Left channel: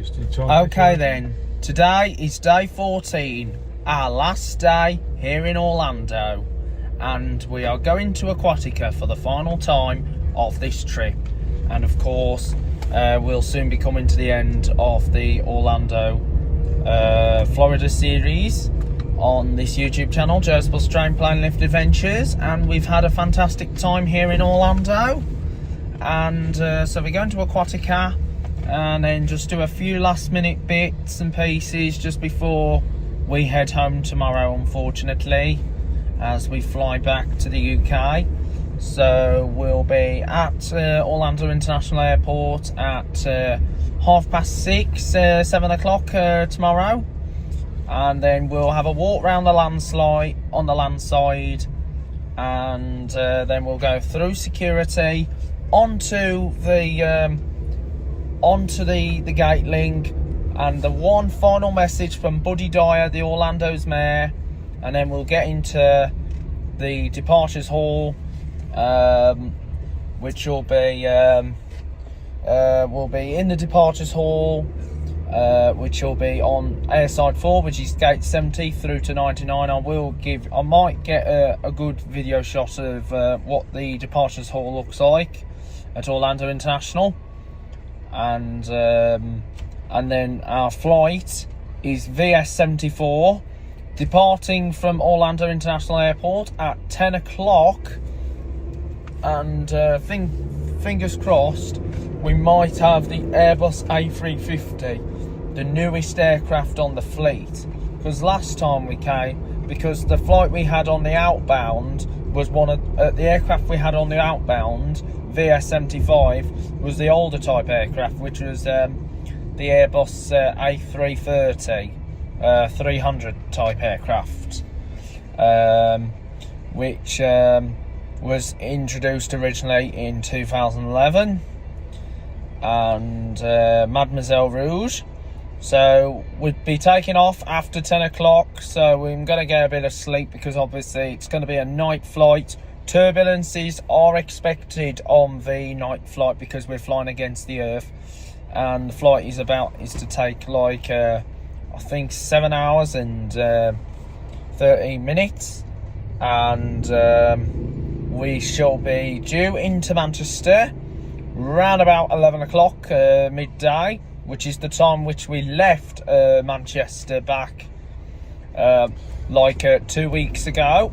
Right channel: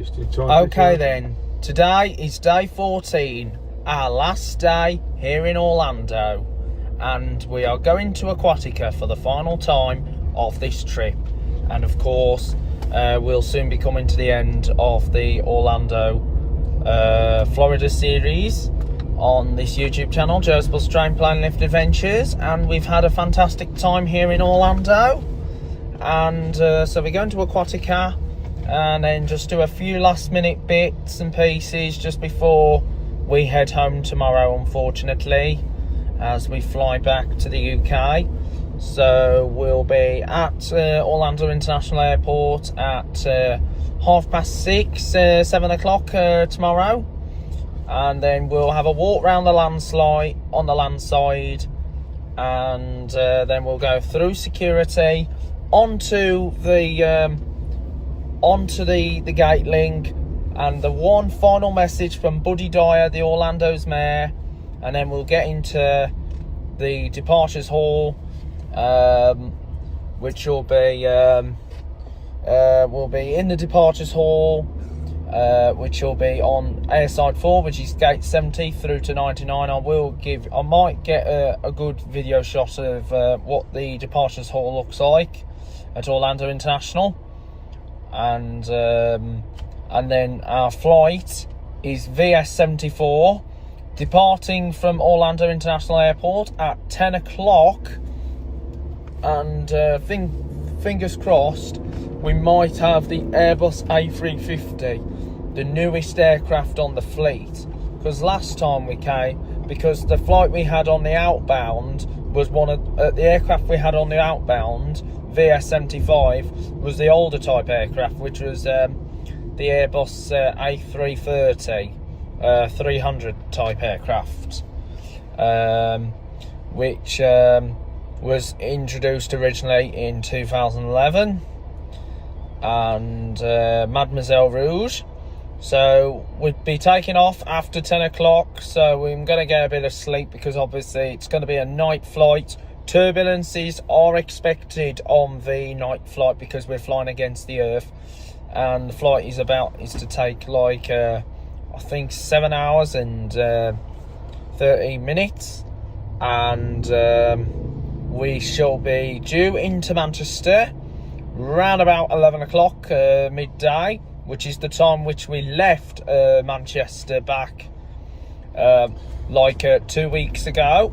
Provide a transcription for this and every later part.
Okay then, today is day 14, our last day here in Orlando, and we are going to Aquatica for the final time of this trip. And of course, we'll soon be coming to the end of the Orlando, Florida series on this YouTube channel, Joe's Bus Train Plane Lift Adventures, and we've had a fantastic time here in Orlando. And so we're going to Aquatica and then just do a few last minute bits and pieces just before we head home tomorrow, unfortunately, as we fly back to the UK. So we'll be at Orlando International Airport at 6:30, 7 o'clock tomorrow, and then we'll have a walk around the landslide on the land side, and then we'll go through security onto the gate link, and the one final message from Buddy Dyer, the Orlando's mayor, and then we'll get into the departures hall, which will be we'll be in the departures hall, which will be on airside 4, which is gate 70 through to 99. I might get a good video shot of what the departures hall looks like at Orlando International, and then our flight is VS74, departing from Orlando International Airport at 10 o'clock, and fingers crossed we might have the Airbus A350, the newest aircraft on the fleet, because last time we came, because the flight we had on the outbound was the aircraft we had on the outbound, VS75, was the older type aircraft, which was the Airbus A330 300 type aircraft, which was introduced originally in 2011, and Mademoiselle Rouge. So we'd be taking off after 10 o'clock, so I'm going to get a bit of sleep, because obviously it's going to be a night flight. Turbulences are expected on the night flight because we're flying against the Earth, and the flight is to take like I think 7 hours and 30 minutes, and we shall be due into Manchester round about 11 o'clock midday, which is the time which we left Manchester back 2 weeks ago.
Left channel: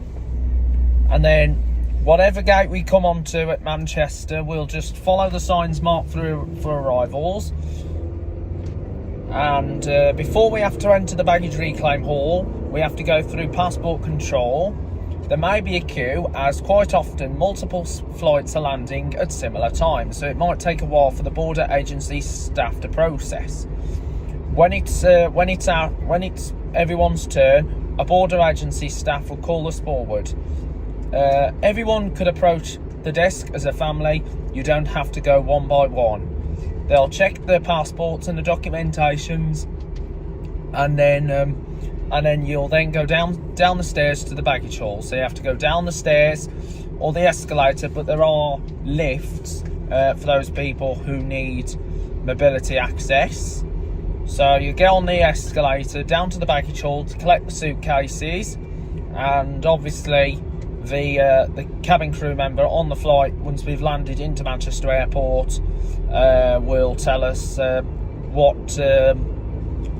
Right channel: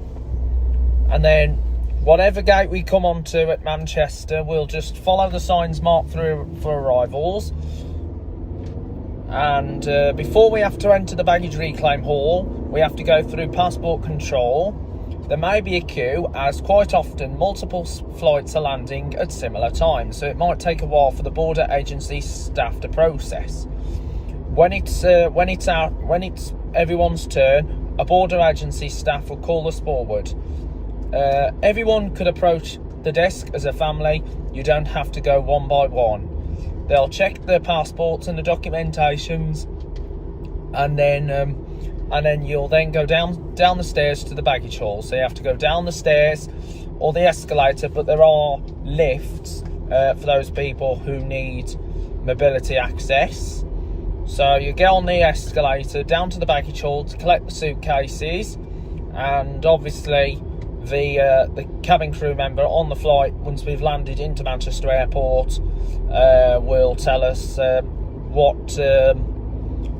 And then whatever gate we come onto at Manchester, we'll just follow the signs marked through for arrivals. And before we have to enter the baggage reclaim hall, we have to go through passport control. There may be a queue, as quite often multiple flights are landing at similar times, so it might take a while for the border agency staff to process. When it's everyone's turn, a border agency staff will call us forward. Everyone could approach the desk as a family. You don't have to go one by one. They'll check their passports and the documentations, and then you'll then go down the stairs to the baggage hall. So you have to go down the stairs or the escalator, but there are lifts for those people who need mobility access. So you get on the escalator down to the baggage hall to collect the suitcases, and obviously the cabin crew member on the flight, once we've landed into Manchester Airport, will tell us what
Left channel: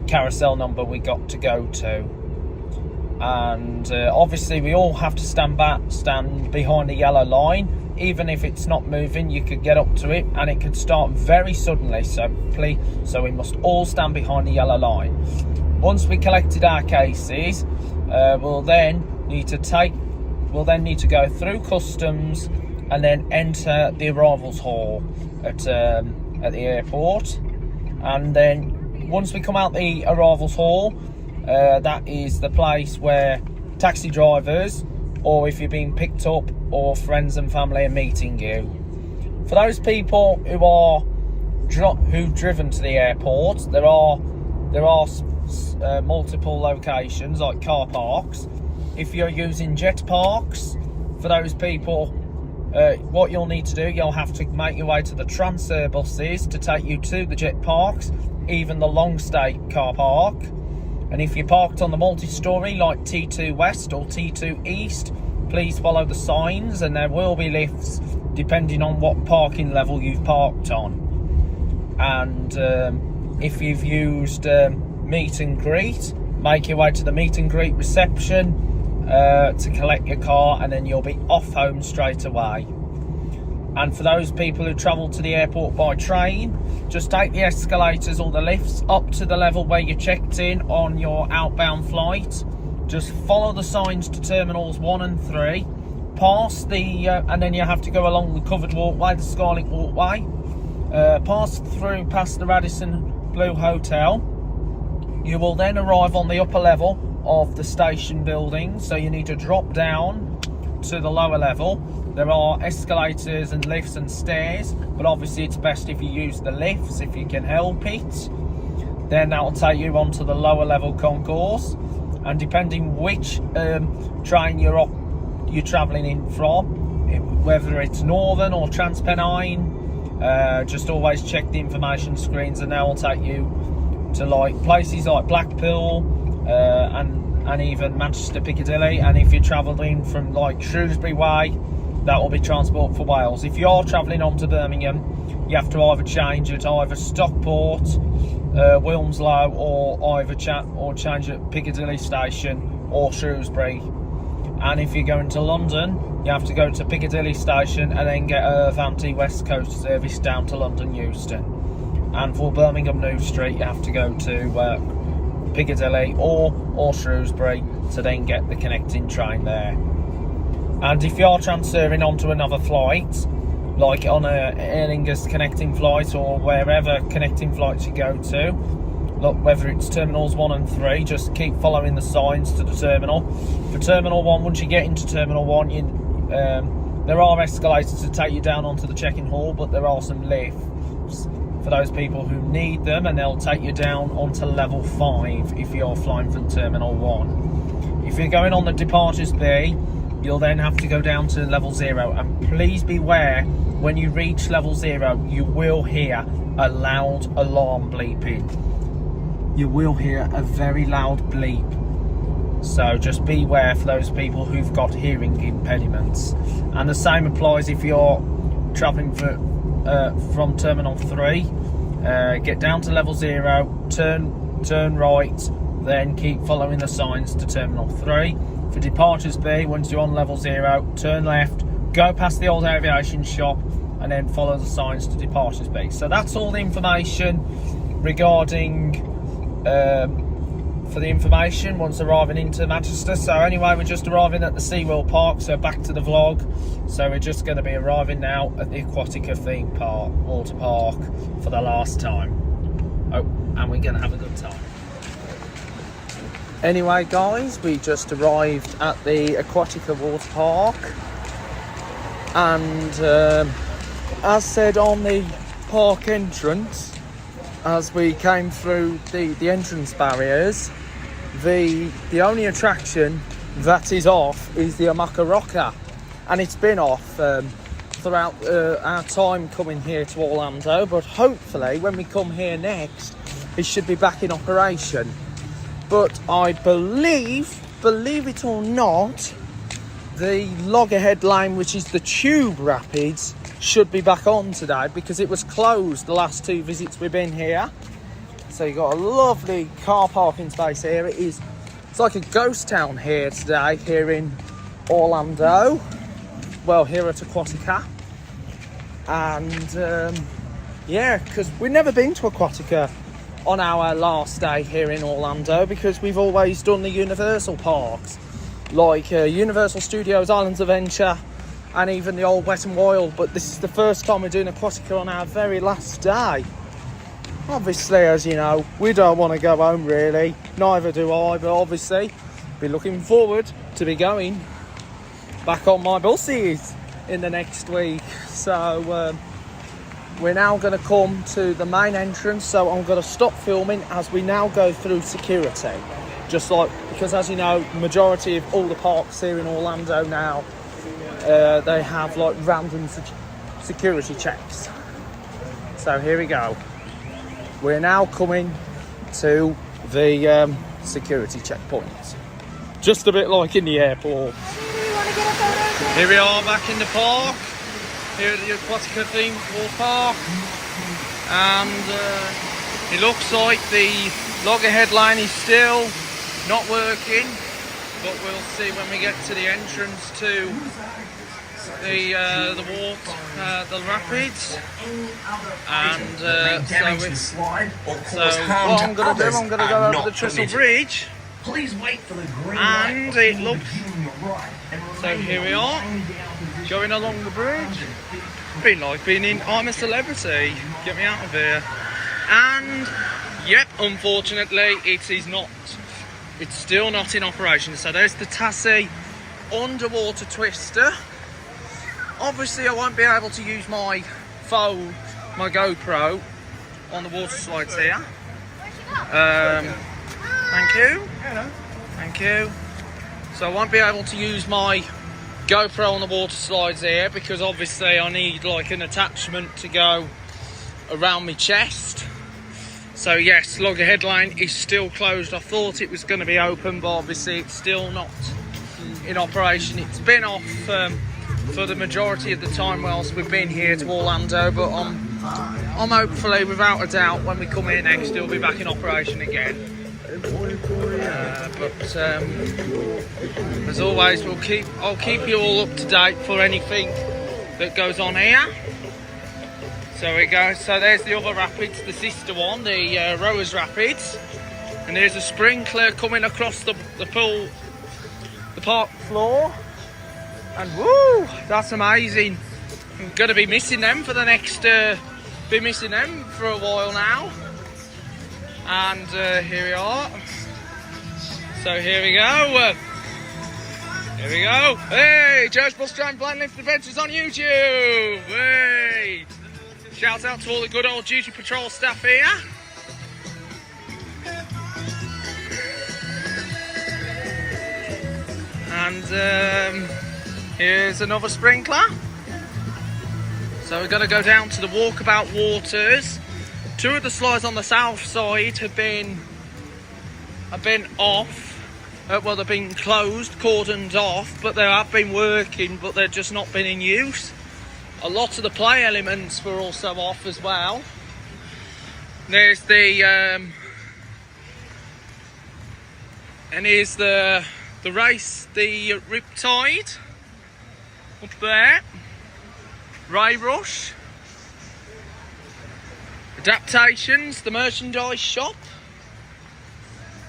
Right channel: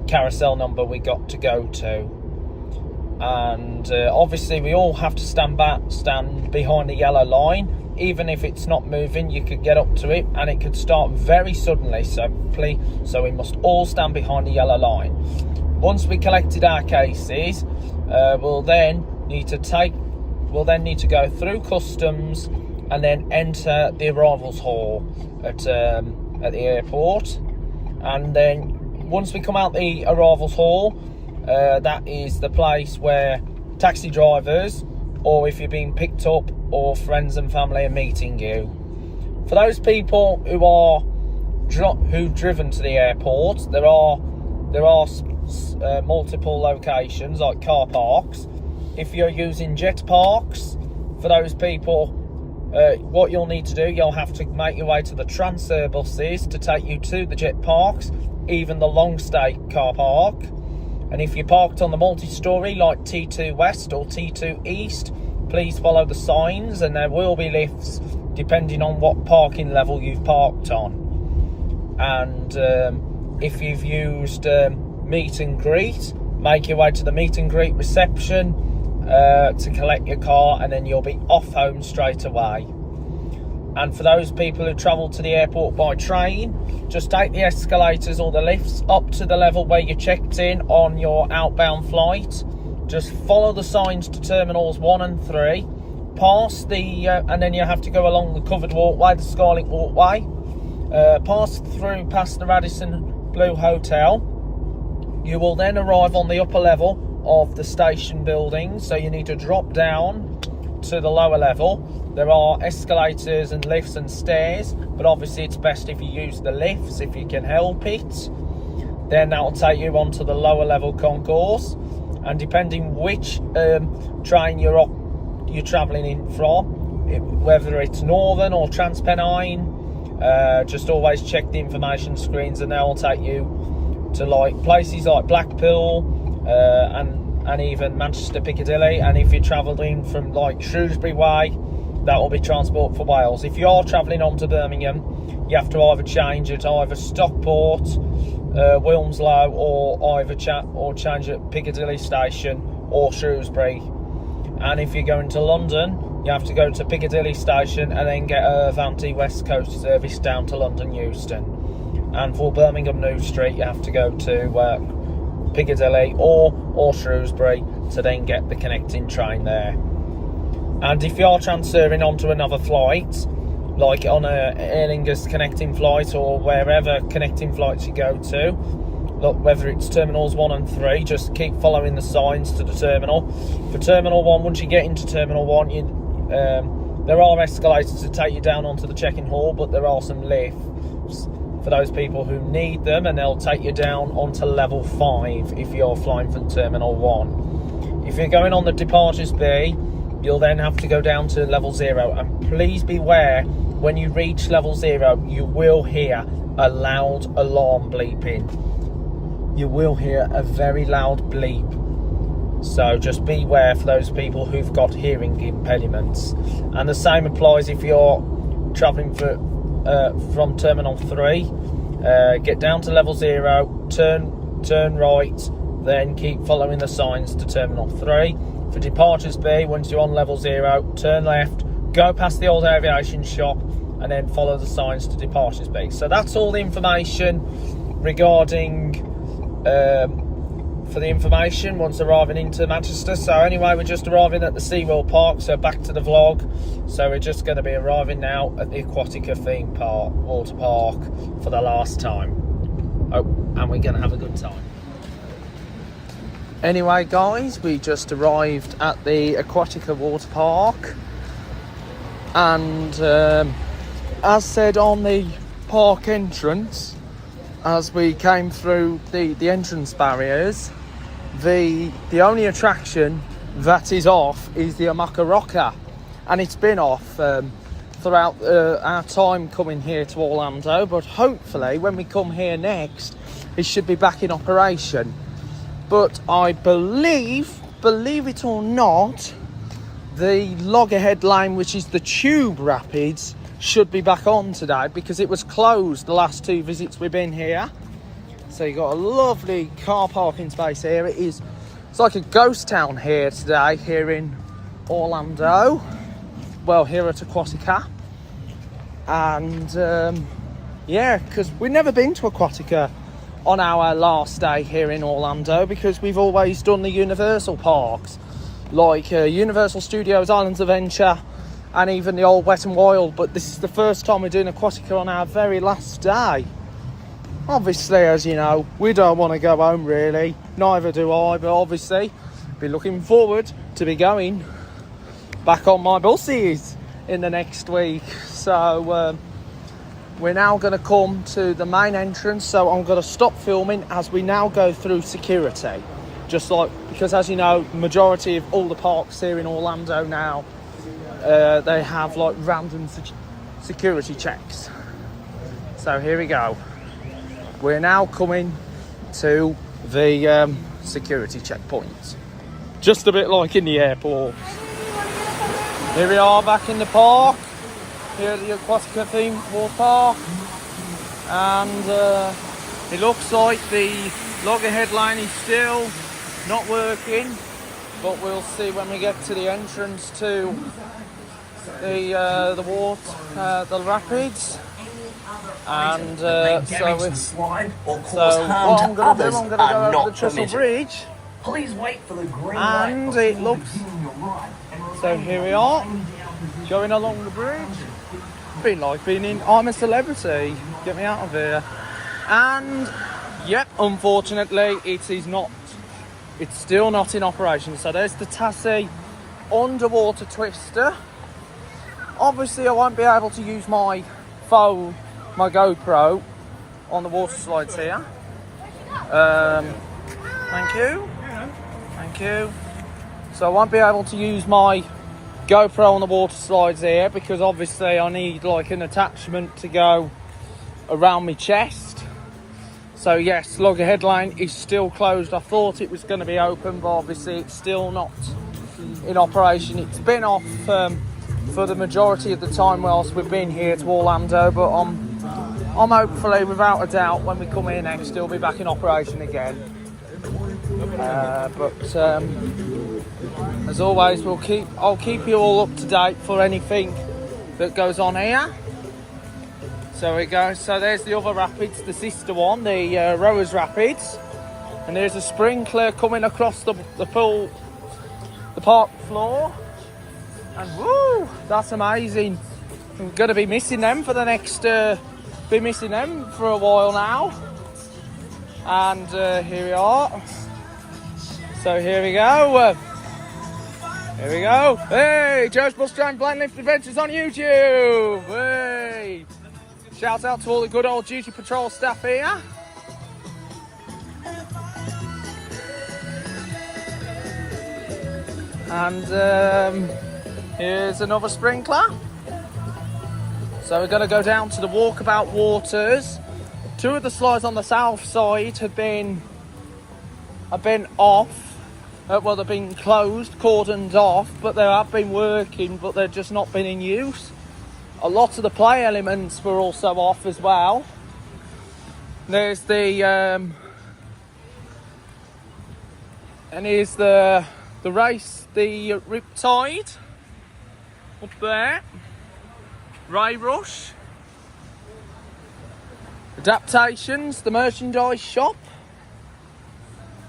carousel number we got to go to. And obviously we all have to stand behind the yellow line. Even if it's not moving, you could get up to it and it could start very suddenly, so we must all stand behind the yellow line. Once we collected our cases, we'll then need to go through customs and then enter the arrivals hall at the airport. And then once we come out the arrivals hall, that is the place where taxi drivers, or if you're being picked up, or friends and family are meeting you. For those people who've driven to the airport, there are multiple locations like car parks. If you're using jet parks, for those people, what you'll need to do, you'll have to make your way to the transfer buses to take you to the jet parks. even the long stay car park. And if you're parked on the multi-storey like T2 West or T2 East, please follow the signs, and there will be lifts depending on what parking level you've parked on. And if you've used meet and greet, make your way to the meet and greet reception to collect your car, and then you'll be off home straight away. And for those people who travel to the airport by train, just take the escalators or the lifts up to the level where you checked in on your outbound flight. Just follow the signs to terminals 1 and 3. Pass the, and then you have to go along the covered walkway, the Skylight walkway. Pass through past the Radisson Blu Hotel. You will then arrive on the upper level of the station building, so you need to drop down to the lower level. There are escalators and lifts and stairs, but obviously it's best if you use the lifts if you can help it. Then that will take you onto the lower level concourse, and depending which train you're travelling in from, whether it's Northern or Transpennine, just always check the information screens, and they will take you to like places like Blackpool and even Manchester Piccadilly. And if you're travelling from like Shrewsbury way, that will be Transport for Wales. If you are travelling on to Birmingham, you have to either change at either Stockport, Wilmslow, or change at Piccadilly Station or Shrewsbury. And if you're going to London, you have to go to Piccadilly Station and then get a Avanti West Coast service down to London Euston. And for Birmingham New Street, you have to go to Piccadilly or Shrewsbury to then get the connecting train there. And if you are transferring onto another flight, like on a Aer Lingus connecting flight or wherever connecting flights you go to, look, whether it's terminals 1 and 3, just keep following the signs to the terminal. For terminal 1, once you get into terminal 1, there are escalators to take you down onto the check-in hall, but there are some lifts for those people who need them, and they'll take you down onto level 5 if you're flying from terminal 1. If you're going on the departures bay, you'll then have to go down to level 0, and please beware, when you reach level 0, you will hear a loud alarm bleeping. You will hear a very loud bleep. So just beware for those people who've got hearing impediments. And the same applies if you're travelling from Terminal 3. Get down to level 0, turn right, then keep following the signs to Terminal 3. For departures B, once you're on level 0, turn left, go past the old aviation shop, and then follow the signs to departures B. So that's all the information regarding for the information once arriving into Manchester. So anyway, we're just arriving at the SeaWorld Park, so back to the vlog. So we're just going to be arriving now at the Aquatica theme park, water park, for the last time. Oh, and we're going to have a good time. Anyway guys, we just arrived at the Aquatica water park, and as said on the park entrance, as we came through the entrance barriers, the only attraction that is off is the Amaka Rocker, and it's been off throughout our time coming here to Orlando, but hopefully when we come here next it should be back in operation. But I believe it or not, the Loggerhead Lane, which is the Tube Rapids, should be back on today because it was closed the last 2 visits we've been here. So you've got a lovely car parking space here. It's like a ghost town here today, here in Orlando. Well, here at Aquatica. And yeah, because we've never been to Aquatica on our last day here in Orlando, because we've always done the Universal parks, like Universal Studios, Islands of Adventure, and even the old Wet and Wild. But this is the first time we're doing Aquatica on our very last day. Obviously, as you know, we don't want to go home really, neither do I, but obviously be looking forward to be going back on my buses in the next week. So we're now going to come to the main entrance, so I'm going to stop filming as we now go through security. Just like, because as you know, the majority of all the parks here in Orlando now, they have like random security checks. So here we go. we're now coming to the security checkpoint. Just a bit like in the airport. Here we are back in the park, here at the Aquatica theme park, and it looks like the loggerhead line is still not working, but we'll see when we get to the entrance to the water, the rapids. And so what I'm going to do, I'm going to go over the Trestle Bridge, and it looks, so here we are, going along the bridge. Been like being in I'm a Celebrity, get me out of here. And yep, unfortunately it is not, it's still not in operation. So there's the Tassie underwater twister. Obviously I won't be able to use my phone, my GoPro, on the water slides here. Thank you. Thank you. So I won't be able to use my GoPro on the water slides here because obviously I need like an attachment to go around my chest. So yes, loggerhead line is still closed. I thought it was going to be open, but obviously it's still not in operation. It's been off for the majority of the time whilst we've been here to Orlando, but I'm hopefully, without a doubt, when we come here next, it'll be back in operation again. As always, I'll keep you all up to date for anything that goes on here. So we go. So there's the other rapids, the sister one, the Rowers Rapids, and there's a sprinkler coming across the pool, the park floor, and woo, that's amazing. I'm going to be missing them for the next, be missing them for a while now. And here we are. So here we go. Here we go. Hey, Joe's Bus Stand Blind Lift Adventures on YouTube. Hey. Shout out to all the good old duty patrol staff here. And here's another sprinkler. So we're going to go down to the walkabout waters. Two of the slides on the south side have been off. Well, they've been closed, cordoned off, but they have been working, but they've just not been in use. A lot of the play elements were also off as well. There's the and here's the race, the Riptide up there, Ray Rush, Adaptations, the merchandise shop,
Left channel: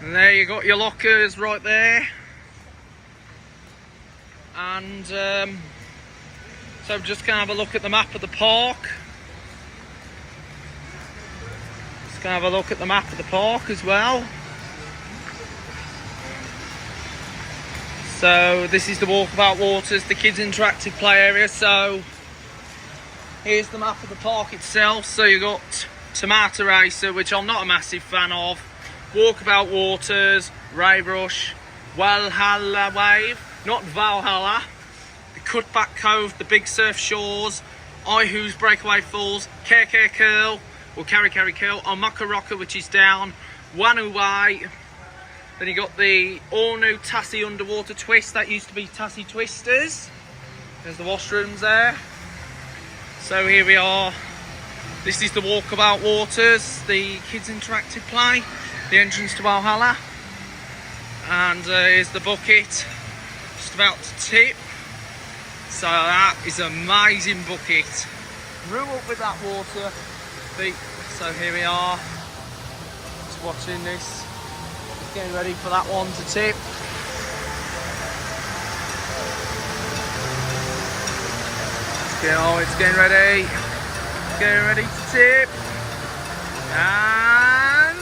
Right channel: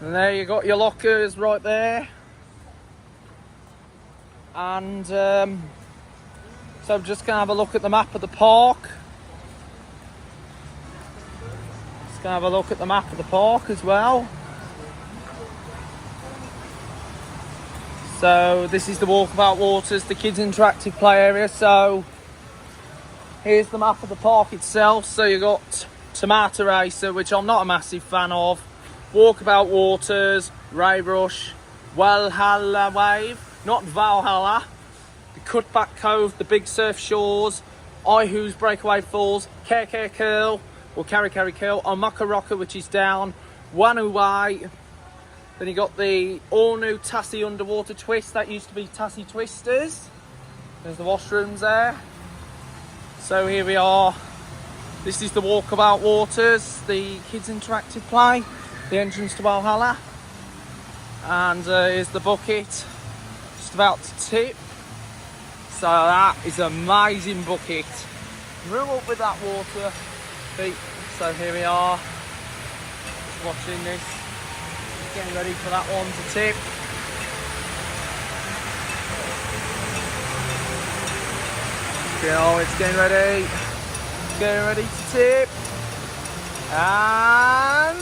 and there you got your lockers right there. And so I'm just gonna have a look at the map of the park. Just gonna have a look at the map of the park as well. So this is the Walkabout Waters, the kids interactive play area. So here's the map of the park itself. So you got Tomato Racer, which I'm not a massive fan of, Walkabout Waters, Ray Rush, Valhalla Wave, not Valhalla, the Cutback Cove, the Big Surf Shores, Ihu's Breakaway Falls, KK Curl, or Carry Curl, Omaka Rocker, which is down, Wanu Way. Then you got the all new Tassie Underwater Twist, that used to be Tassie Twisters. There's the washrooms there. So here we are. This is the Walkabout Waters, the kids interactive play, the entrance to Valhalla. And here's the bucket, just about to tip. So that is an amazing bucket. Grew up with that water. So here we are, just watching this. Getting ready for that one to tip. Oh, it's getting ready. Getting ready to tip. And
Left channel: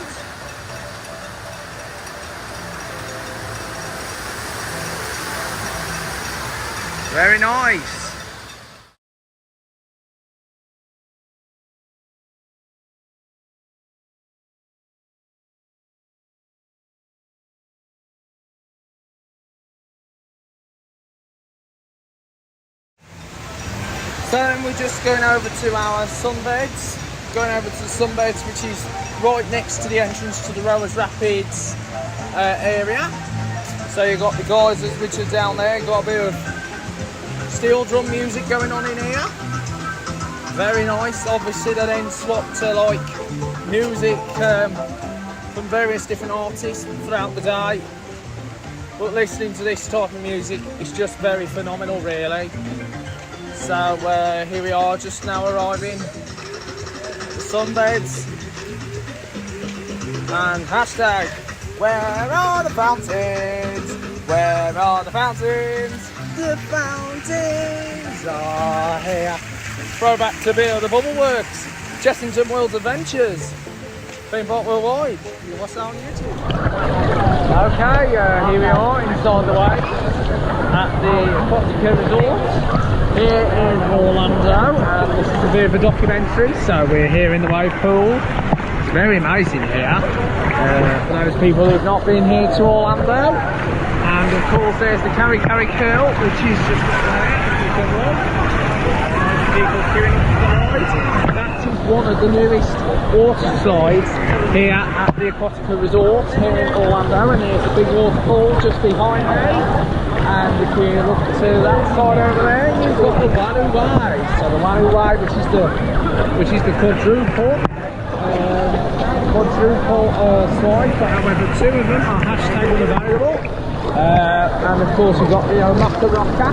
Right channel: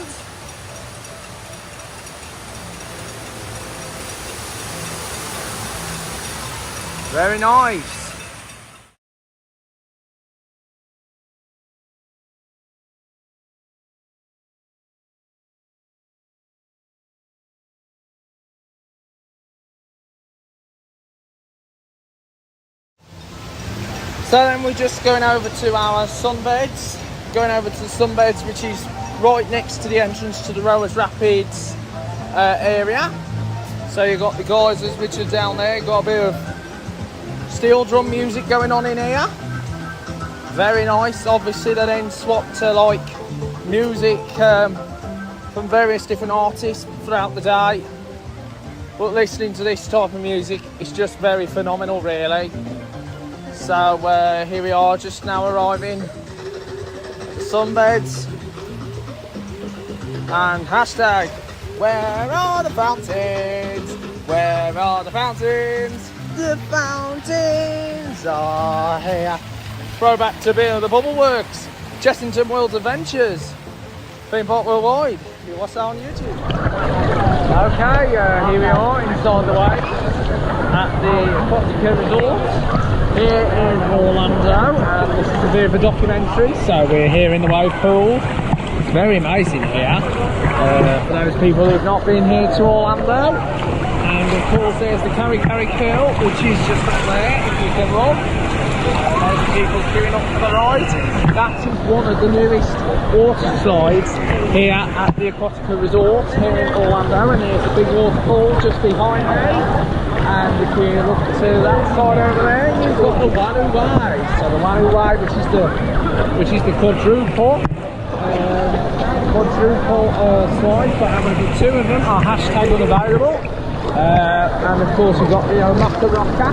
very nice. So then we're just going over to our sunbeds. Going over to the sunbeds, which is right next to the entrance to the Rowers Rapids area. So you've got the geysers which are down there, got a bit of steel drum music going on in here. Very nice. Obviously they then swap to like music from various different artists throughout the day. But listening to this type of music is just very phenomenal really. So here we are, just now arriving at the sunbeds. And hashtag, where are the fountains? Where are the fountains? The fountains are here. Throwback to a bit of the Bubble Works, Chessington World's Adventures, Theme Park Worldwide. You watch that on YouTube. Okay, here we are inside the waves at the Aquatica Resort here in Orlando. This is a bit of a documentary, so we're here in the wave pool. It's very amazing here for those people who've not been here to Orlando. And of course there's the Carry Curl, which is just up there, if you can roll. People queuing up for the ride. That is one of the newest water slides here at the Aquatica Resort here in Orlando, and there's a big waterfall just behind me. And if you look to that side over there, you've got the Wanu Way. So the Wanu Way, which is the quadruple slide, but however two of them are hashtag unavailable. And of course we've got the Omaka Rocker,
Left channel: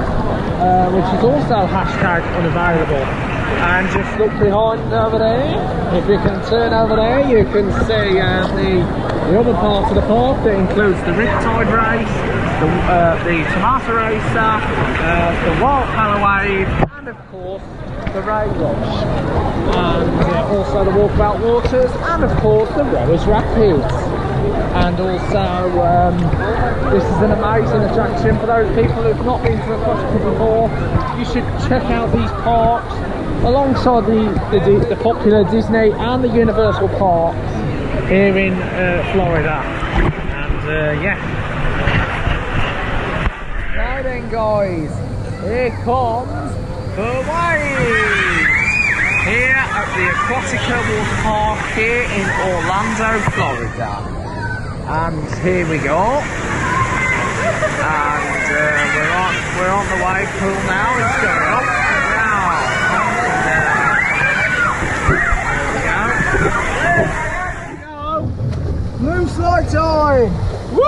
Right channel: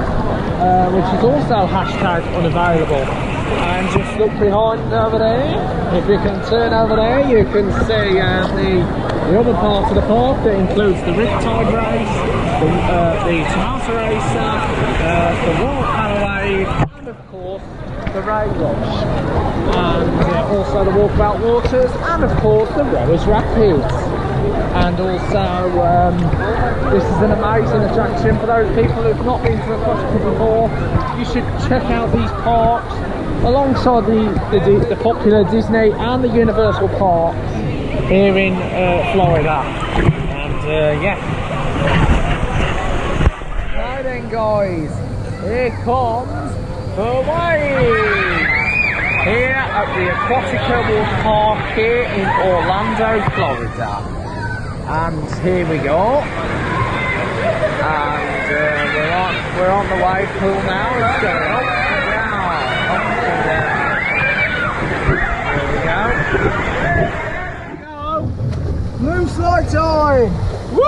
which is also hashtag unavailable. And just look behind over there, if you can turn over there, you can see the other part of the park that includes the Riptide Race, the Tomato Racer, the Wild Power Wave, and of course the Ray Rush, and also the Walkabout Waters, and of course the Rowers Rapids. And also this is an amazing attraction for those people who've not been to Aquatica before. You should check out these parks alongside the popular Disney and the Universal parks here in Florida. And yeah. Now then guys, here comes the wave here at the Aquatica Water Park here in Orlando, Florida. And here we go, and we're on the wave pool now. It's going up and down, up and down. There we go. Here we go. Blue slide time. Woo!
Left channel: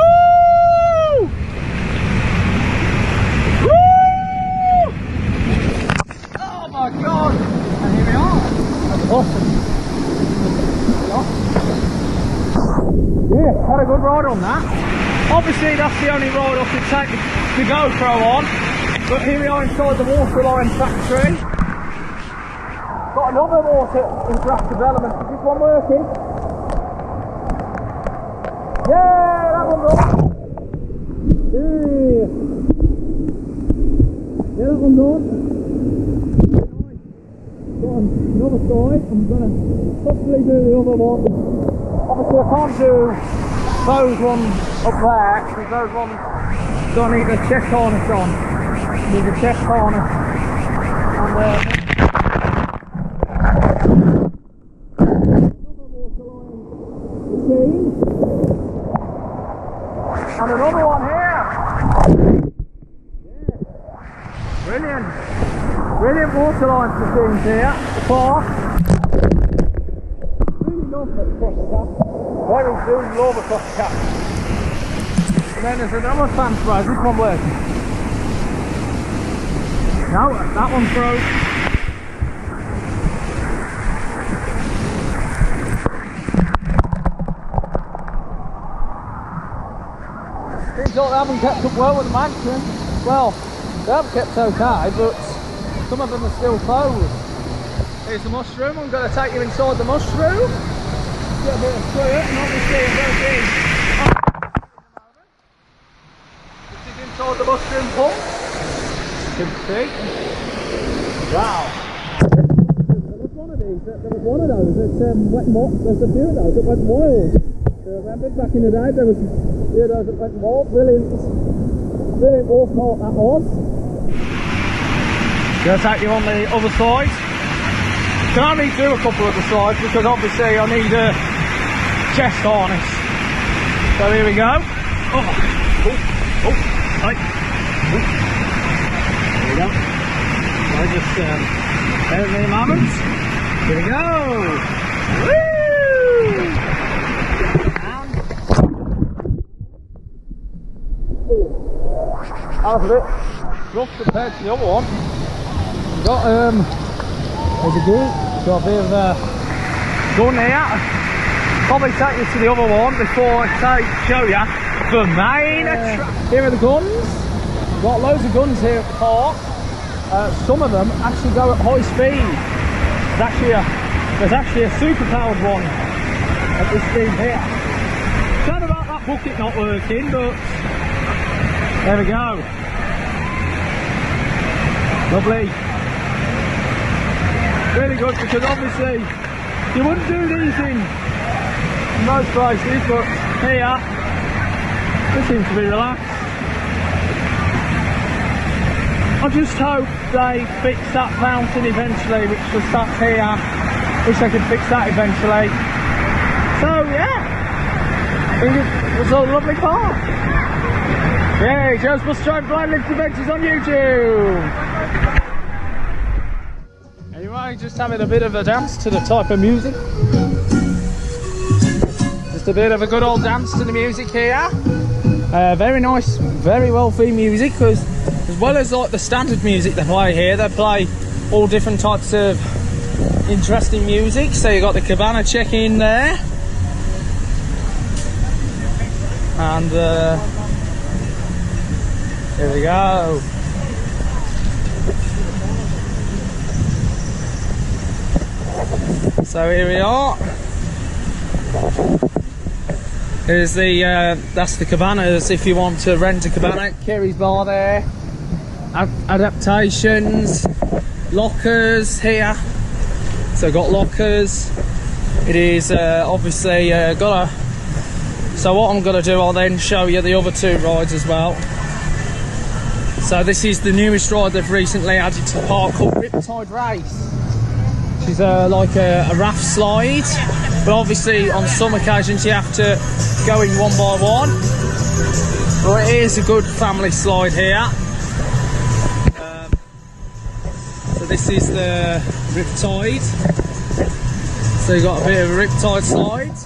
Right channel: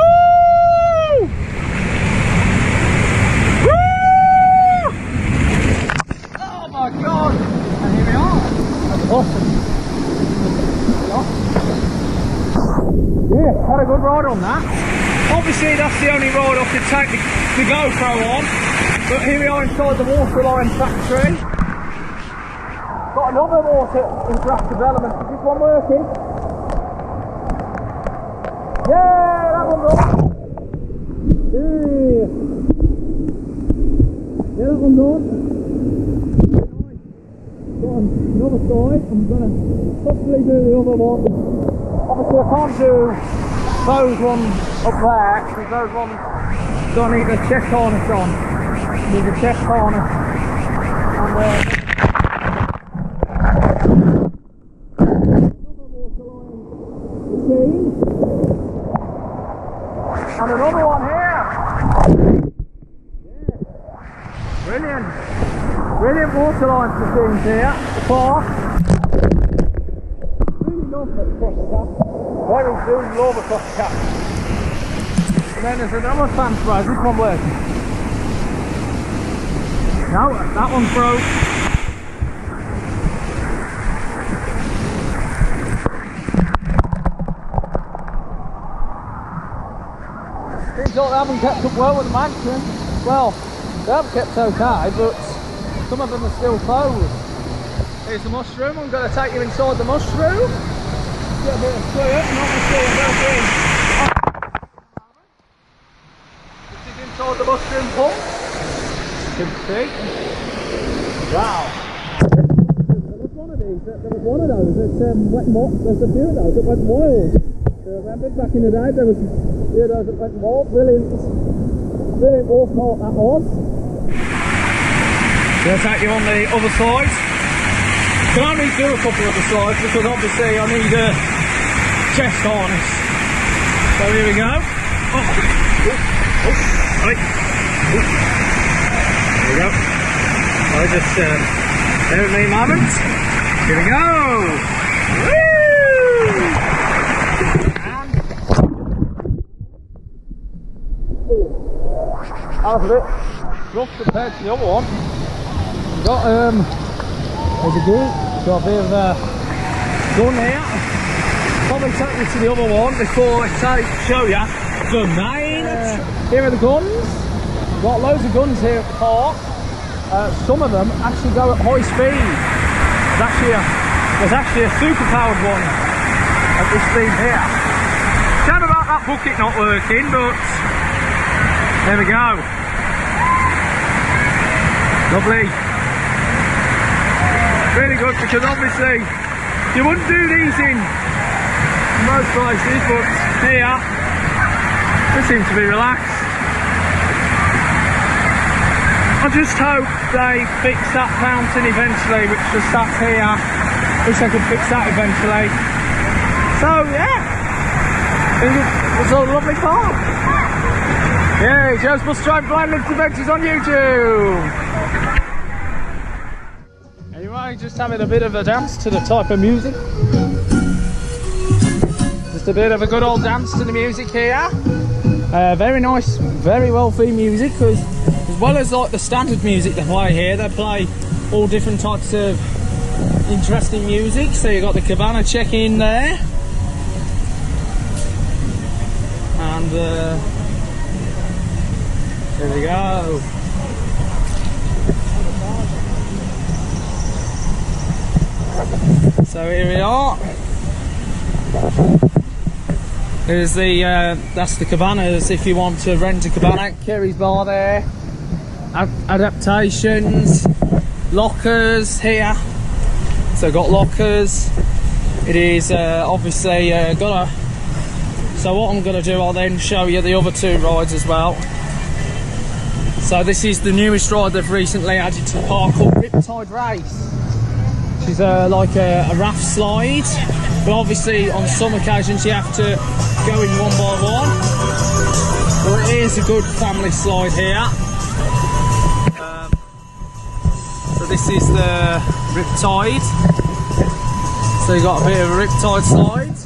Woo! Oh my God! And here we are at the bottom. Yeah, had a good ride on that. Obviously that's the only ride I could take the GoPro on, but here we are inside the Waterline factory. Got another water interactive element. Is this one working? Yeah, that one's on. Yeah, that one's on. Got another side. I'm gonna possibly do the other one. Obviously I can't do those ones up there, because those ones don't need the chest harness on. Need the chest harness. And another machine. And another one here. Yeah. Brilliant. Brilliant waterline machines here at the park. Very soon, love Aquatica. And then there's another fan spray. Is this one working? No, that one's broke. Seems like they haven't kept up well with the mansion. Well, they have kept okay, but some of them are still closed. Here's the mushroom. I'm going to take you inside the mushroom. Get a bit of fluid, and obviously I'm going in. This is inside the mushroom pump. You can see. Wow. There was one of those that went wild. There's a few of those that went wild. I remember back in the day there was a few of those that went wild. Brilliant water park that was. Going to take you on the other side. Can only do a couple of the sides because obviously I need chest harness. So here we go. Right. There we go. So just bear with me a moment. Here we go. Woo! And that was a bit rough compared to the other one. Got there's a gate. Got a bit of gun here. Probably take you to the other one before I show you the main. Here are the guns. Got loads of guns here at the park. Some of them actually go at high speed. There's actually a super powered one at this speed here. Sad about that bucket not working, but there we go. Lovely. Really good, because obviously you wouldn't do these in most places, but here they seem to be relaxed. I just hope they fix that fountain eventually, which just sat here. Wish they could fix that eventually. So yeah, I think it was a lovely park. Yay, Joe's Bus Drive Blind Lift Adventures on YouTube. Anyway, just having a bit of a dance to the type of music. Just a bit of a good old dance to the music here. Very nice, very well themed music, because as well as like the standard music they play here, they play all different types of interesting music. So you got the cabana check-in there, and there we go. So here we are. Here's the that's the cabanas if you want to rent a cabana. Kerry's bar there. Adaptations, lockers here. So got lockers. It is obviously got a. So what I'm gonna do, I'll then show you the other two rides as well. So this is the newest ride they've recently added to the park, called Riptide Race. Which is like a raft slide, but obviously on some occasions you have to go in one by one. But it is a good family slide here. So this is the Riptide. So you got a bit of a Riptide slide.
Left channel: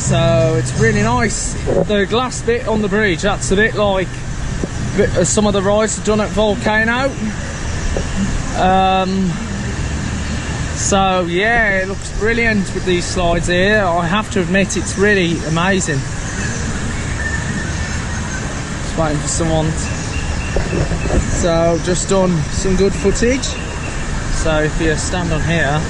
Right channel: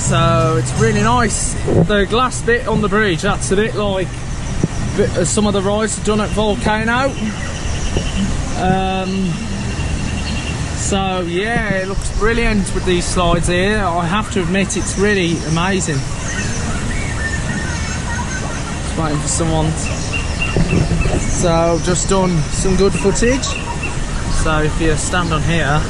So it's really nice. The glass bit on the bridge, that's a bit like some of the rides done at Volcano. So yeah, it looks brilliant with these slides here. I have to admit, it's really amazing. Just waiting for someone. So just done some good footage. So if you stand on here,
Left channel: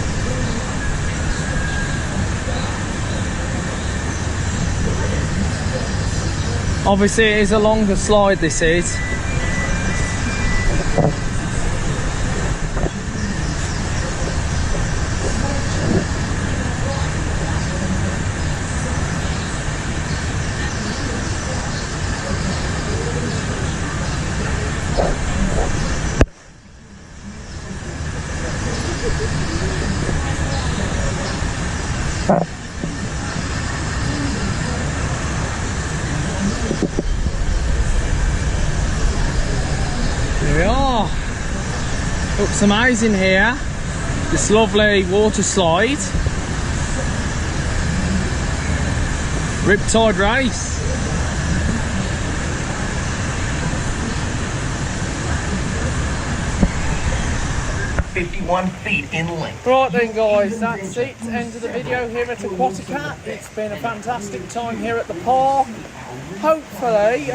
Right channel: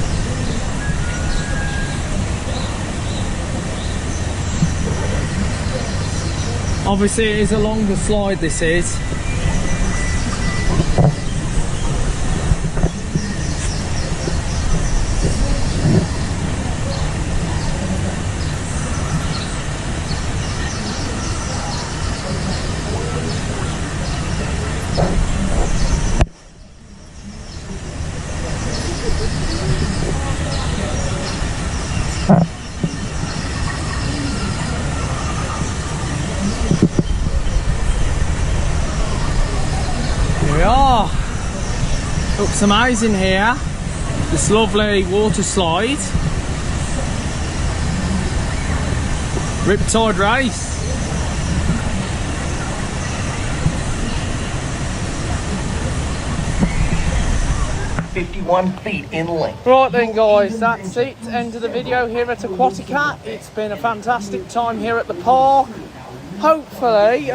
obviously it is a longer slide, this is. Here we are. Looks amazing here. This lovely water slide. Riptide Race. feet in length. Right then guys, that's it. End of the video here at Aquatica. It's been a fantastic time here at the park. Hopefully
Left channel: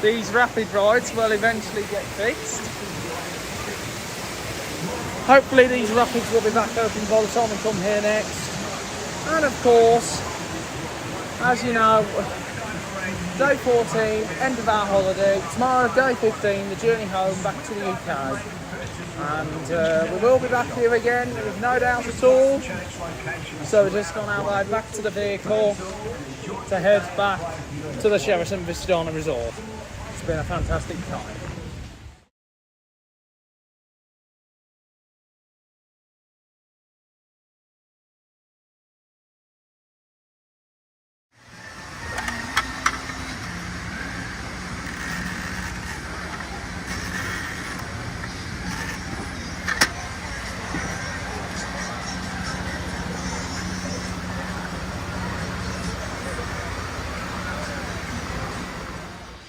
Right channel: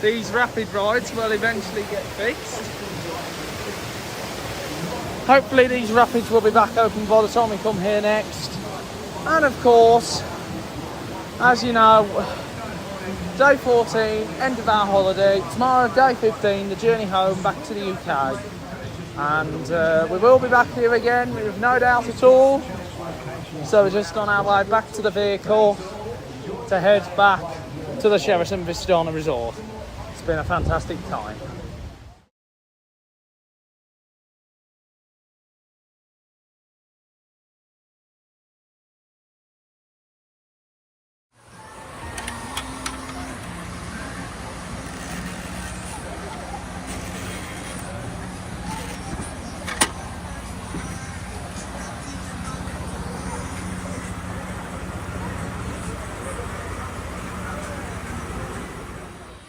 these rapid rides will eventually get fixed. Hopefully these rapids will be back open by the time we come here next. And of course, as you know, day 14, end of our holiday. Tomorrow, day 15, the journey home back to the UK. And we will be back here again, there's no doubt at all. So we're just on our way back to the vehicle to head back to the Sheraton Vistana Resort. It's been a fantastic time.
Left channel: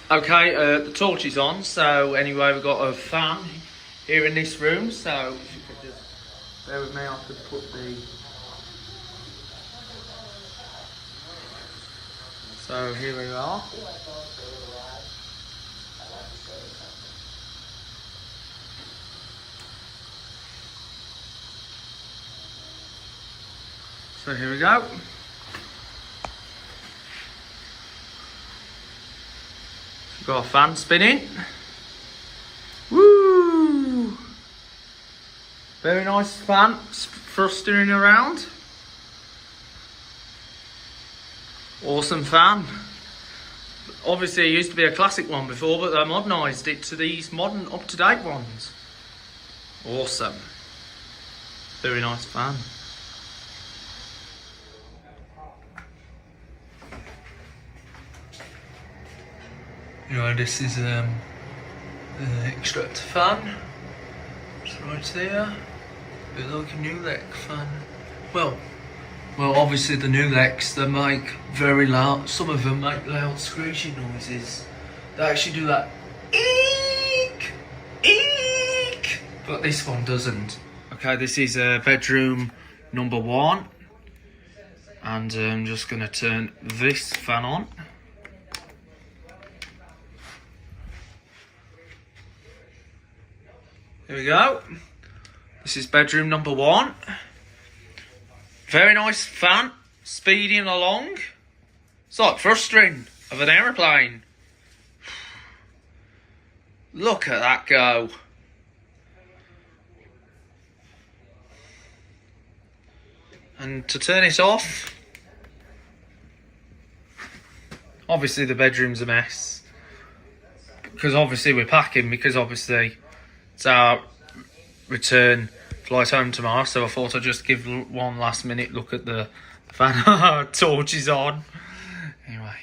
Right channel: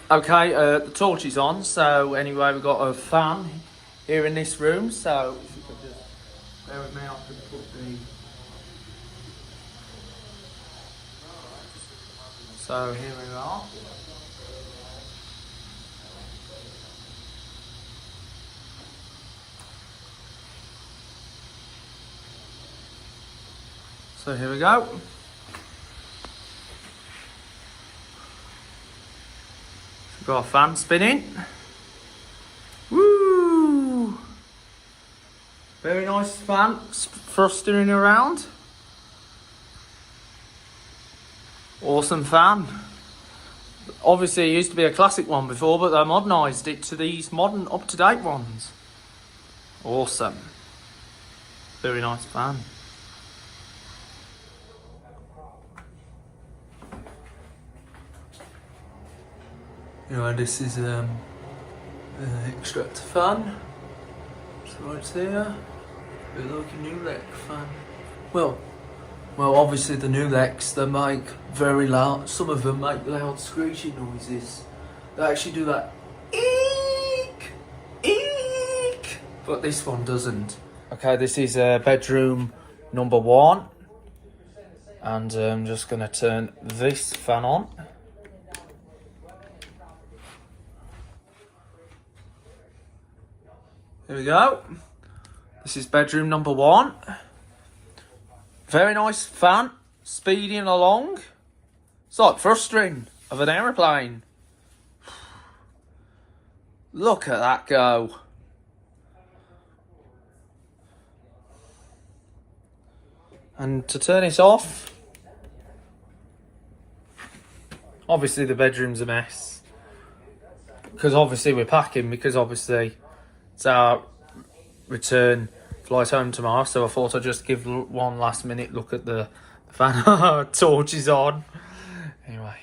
Okay, the torch is on, so anyway, we've got a fan here in this room, so if you could just bear with me, I could put the... So here we are. So here we go. We've got a fan spinning. Woo! Very nice fan thrusting around. Awesome fan. Obviously it used to be a classic one before, but they modernised it to these modern up-to-date ones. Awesome. Very nice fan. Anyway, this is extractor fan. It's right there. Bit like a new Lec fan. Well, obviously the new Lecs, they make very loud. Some of them make loud screeching noises. They actually do that eek, eek, but this one doesn't. Okay, this is bedroom number 1, and I'm just gonna turn this fan on. Here we go. This is bedroom number 1. Very nice fan, speeding along. It's like thrusting of an aeroplane. Look at that go. And to turn it off, obviously the bedroom's a mess. Because obviously we're packing, because obviously it's our return flight home tomorrow, so I thought I'd just give one last minute look at the fan. Torch is on. Anyway.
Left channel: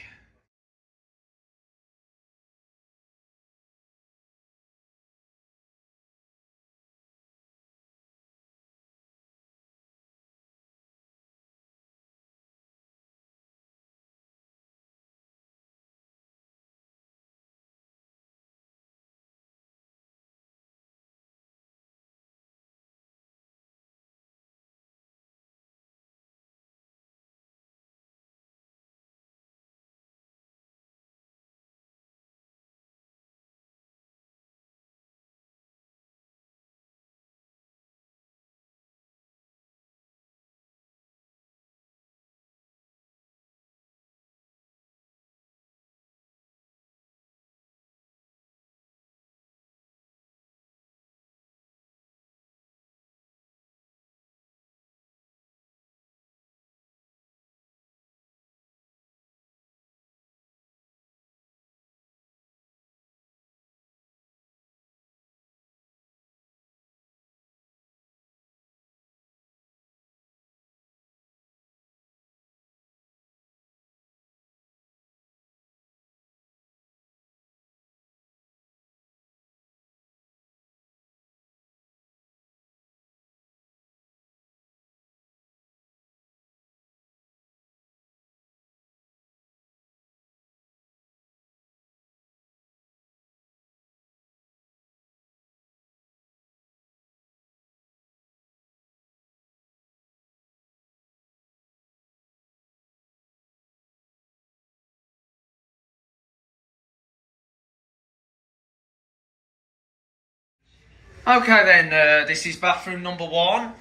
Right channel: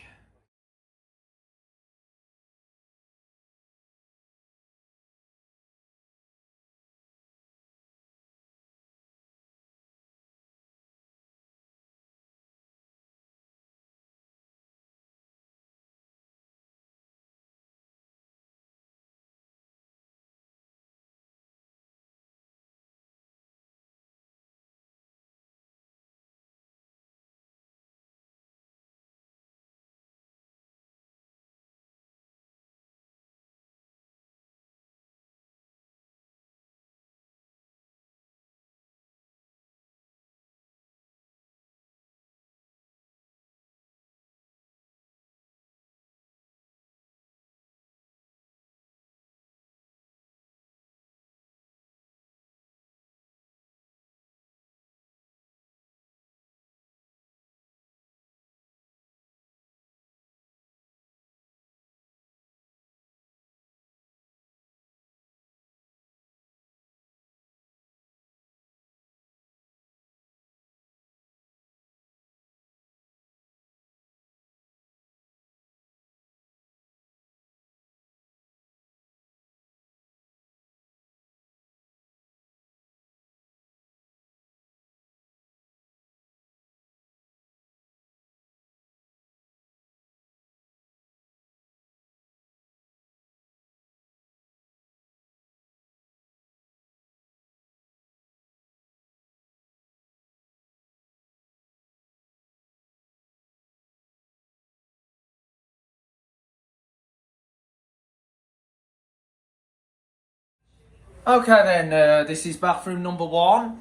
Okay then, this is bathroom number 1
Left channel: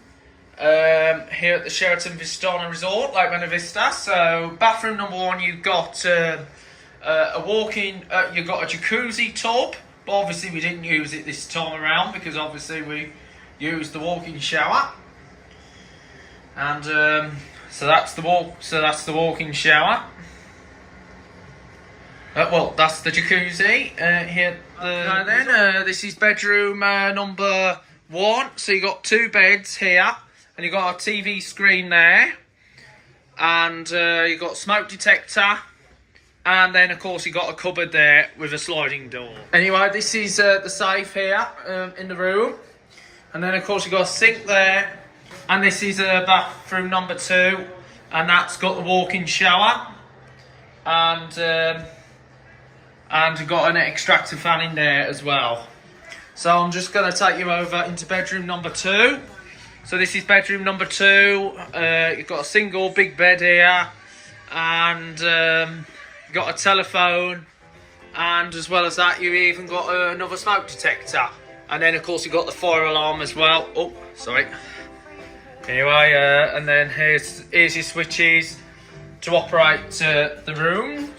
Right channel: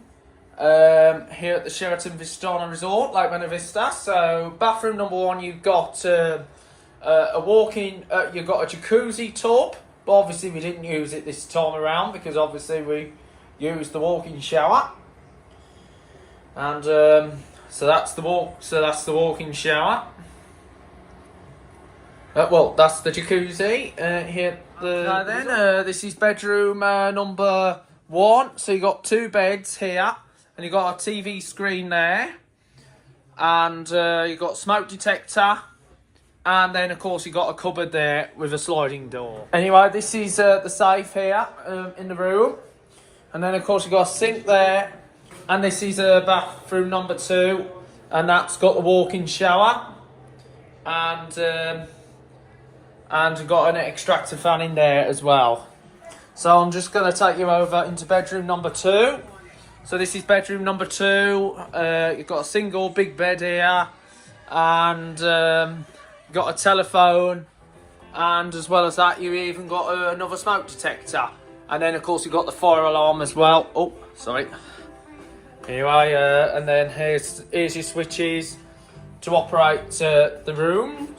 here at the Sheraton Vistana Resort, Lake Buena Vista. So bathroom number 1, you've got a walk-in, you've got a jacuzzi tub, but obviously we didn't use it this time around because obviously we used the walk-in shower, and so that's the walk-in shower. Well, that's the jacuzzi here. This is bedroom number 1. So you got 2 beds here, and you got a TV screen there, and you got smoke detector, and then of course you got a cupboard there with a sliding door. Anyway, this is the safe here in the room, and then of course you got a sink there, and this is bathroom number 2, and that's got the walk-in shower, and and we've got an extractor fan in there as well. So I'm just going to take you over into bedroom number 2. So this is bedroom number 2. You've got a single big bed here, and you've got a telephone, and as well as that you even got another smoke detector, and then of course you've got the fire alarm as well. Oh, sorry. Anyway, and then here's your switches to operate the room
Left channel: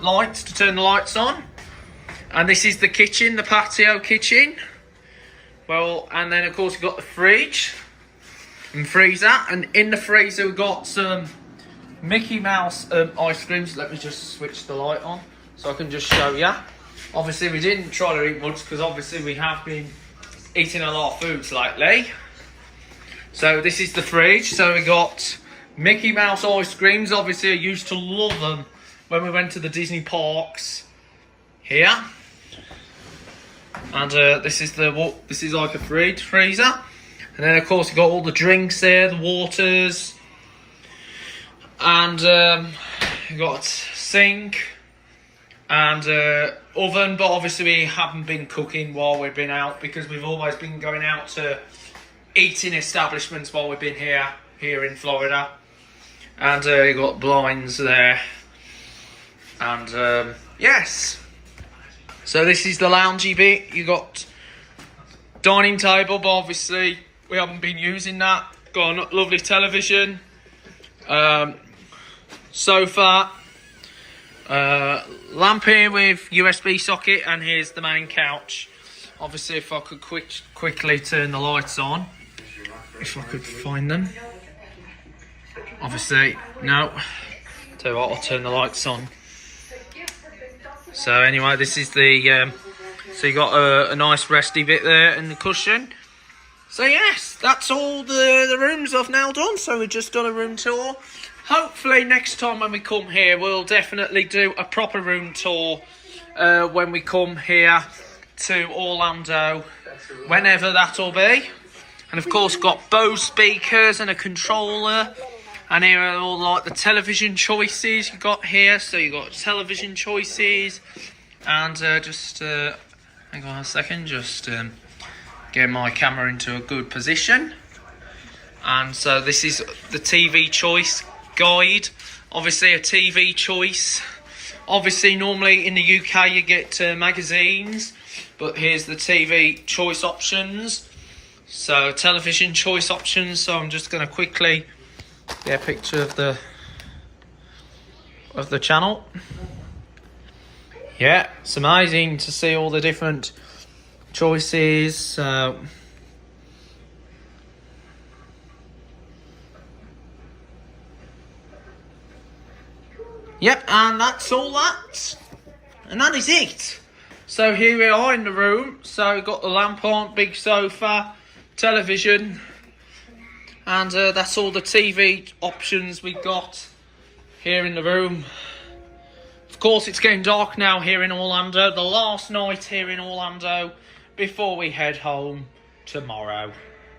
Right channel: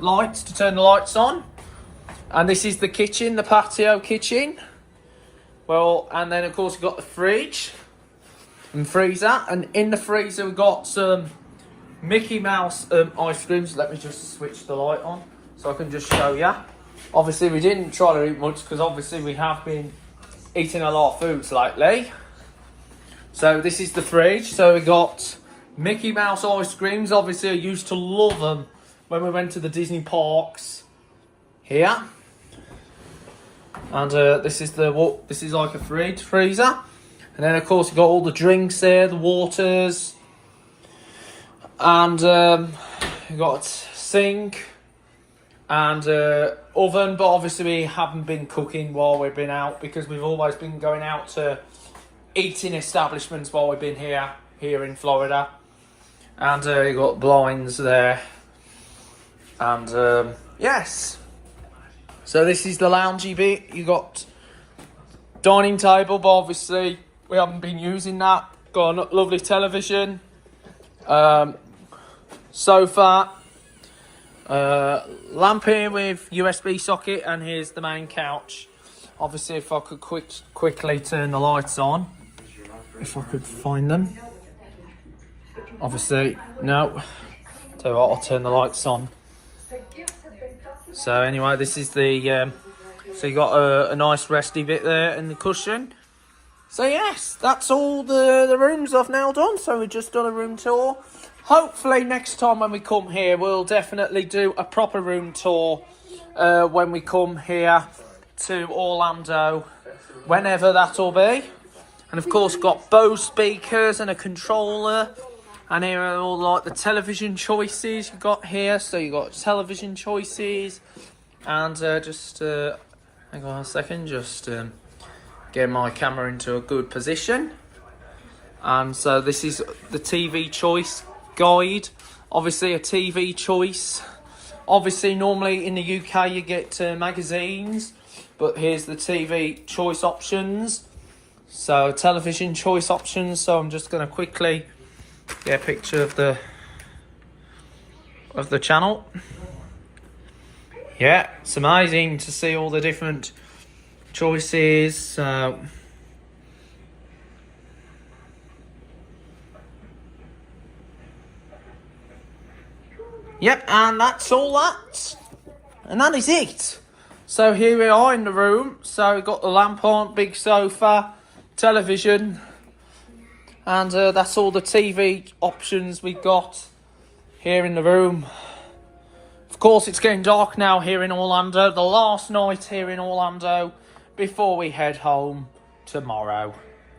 lights, to turn the lights on. And this is the kitchen, the patio kitchen. Well, and then of course you've got the fridge and freezer, and in the freezer we've got some Mickey Mouse ice creams. Let me just switch the light on so I can just show you. Obviously we didn't try to eat much because obviously we have been eating a lot of foods lately. So this is the fridge. So we got Mickey Mouse ice creams. Obviously I used to love them when we went to the Disney parks here. And this is like a freezer. And then of course you've got all the drinks there, the waters. And you've got sink and oven, but obviously we haven't been cooking while we've been out because we've always been going out to eating establishments while we've been here in Florida. And you've got blinds there. And yes. So this is the loungy bit. You got dining table, but obviously we haven't been using that. Got a lovely television, sofa, lamp here with USB socket, and here's the main couch. Obviously, if I could quickly turn the lights on, if I could find them. Obviously, no. Tell you what, I'll turn the lights on. So anyway, this is the, so you got a nice resty bit there and the cushion. So yes, that's all the rooms I've now done. So we've just done a room tour. Hopefully next time when we come here, we'll definitely do a proper room tour when we come here to Orlando, whenever that'll be. And of course got Bose speakers and a controller. And here are all like the television choices you got here. So you got television choices, and just hang on a second, just get my camera into a good position. And so this is the TV choice guide. Obviously a TV choice. Obviously normally in the UK you get magazines, but here's the TV choice options. So television choice options. So I'm just going to quickly get a picture of the channel. Yeah, it's amazing to see all the different choices. Yep, and that's all that. And that is it. So here we are in the room. So we've got the lamp on, big sofa, television. And that's all the TV options we got here in the room. Of course, it's getting dark now here in Orlando. The last night here in Orlando before we head home tomorrow.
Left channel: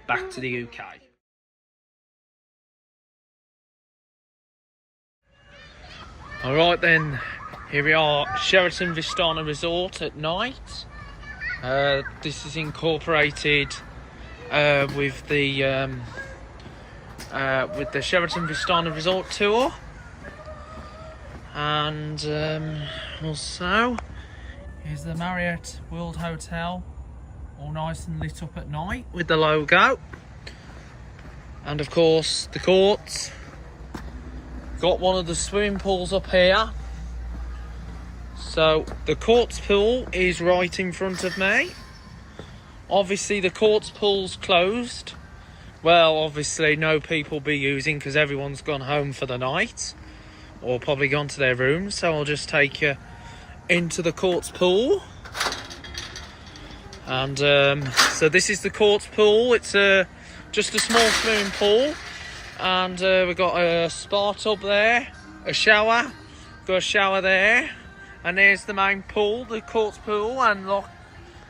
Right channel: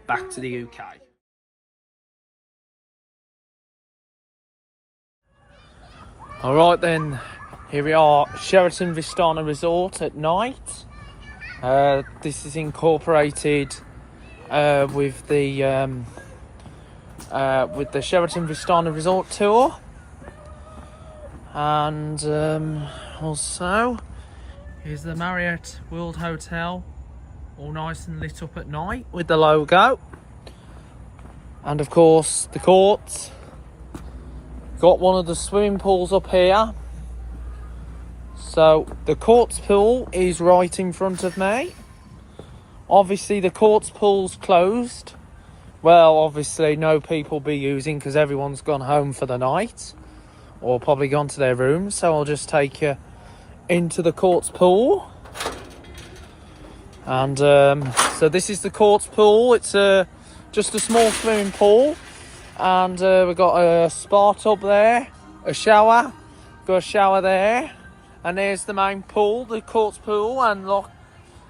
Back to the UK. Alright then, here we are, Sheraton Vistana Resort at night. This is incorporated with the Sheraton Vistana Resort tour, and also here's the Marriott World Hotel, all nice and lit up at night with the logo, and of course the courts. Got one of the swimming pools up here. So the courts pool is right in front of me. Obviously the courts pool's closed. Well, obviously no people be using because everyone's gone home for the night or probably gone to their rooms. So I'll just take you into the courts pool. And so this is the courts pool. It's just a small swimming pool. And we've got a spa tub there, a shower, got a shower there, and there's the main pool, the courts pool, and look,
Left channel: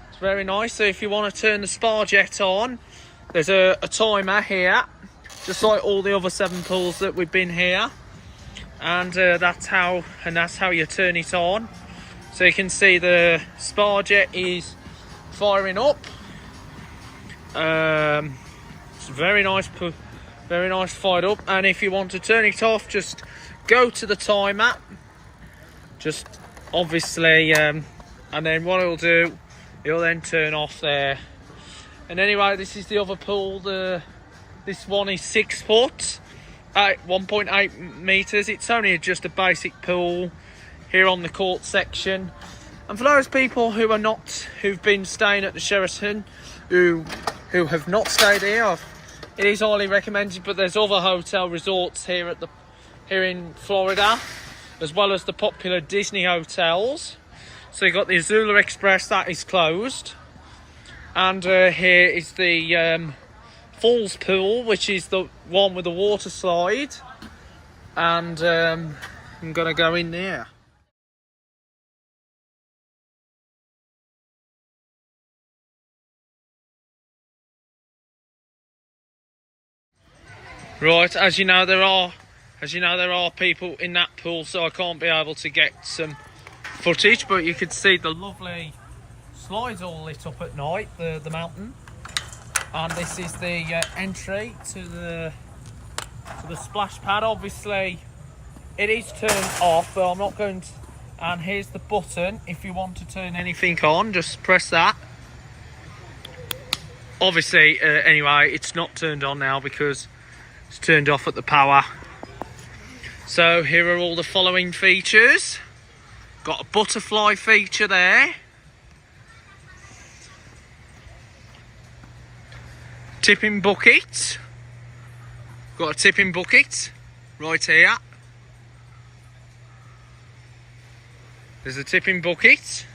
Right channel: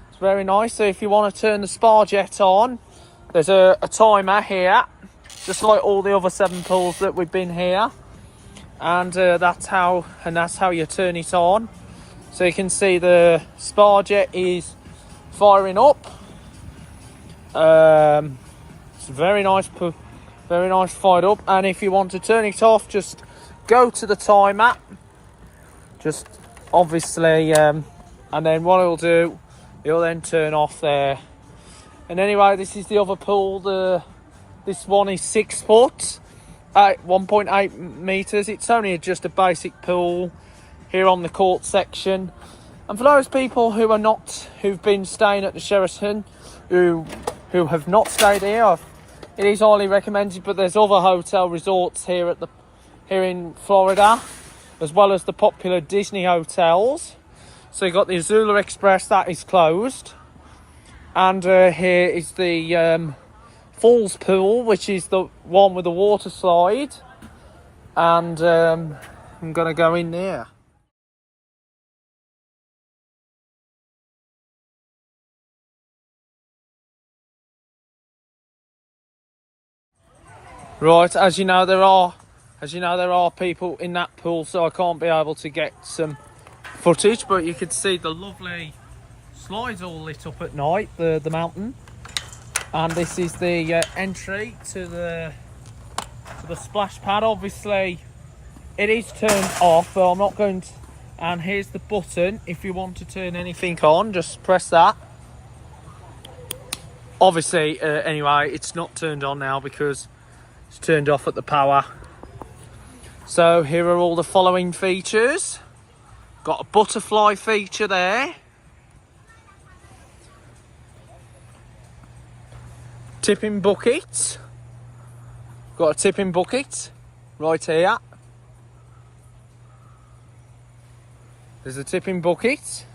it's very nice. So if you want to turn the spa jet on, there's a timer here, just like all the other 7 pools that we've been here, and that's how you turn it on. So you can see the spa jet is firing up. It's very nice fired up. And if you want to turn it off, just go to the timer. Just obviously, and then what it'll do, it'll then turn off there. And anyway, this is the other pool. This one is 6 foot at 1.8 meters. It's only just a basic pool here on the court section. And for those people who've been staying at the Sheraton, who have not stayed here, it is highly recommended. But there's other hotel resorts here in Florida, as well as the popular Disney hotels. So you've got the Azula Express, that is closed. And here is the Falls Pool, which is the one with the water slide. And I'm going to go in there. Right, as you know there are people in that pool, so I can't be able to get some footage, but you could see the lovely slides all lit up at night, the mountain. And this is the entry to the splash pad. Obviously it is turned off, but I'm not going to. And here's the button. If you want to turn anything on, just press that. Obviously anyway, it's not turned on now because it's turned off at the power. So here are all the following features. Got a butterfly feature there. Tipping bucket. Got a tipping bucket right here. There's a tipping bucket.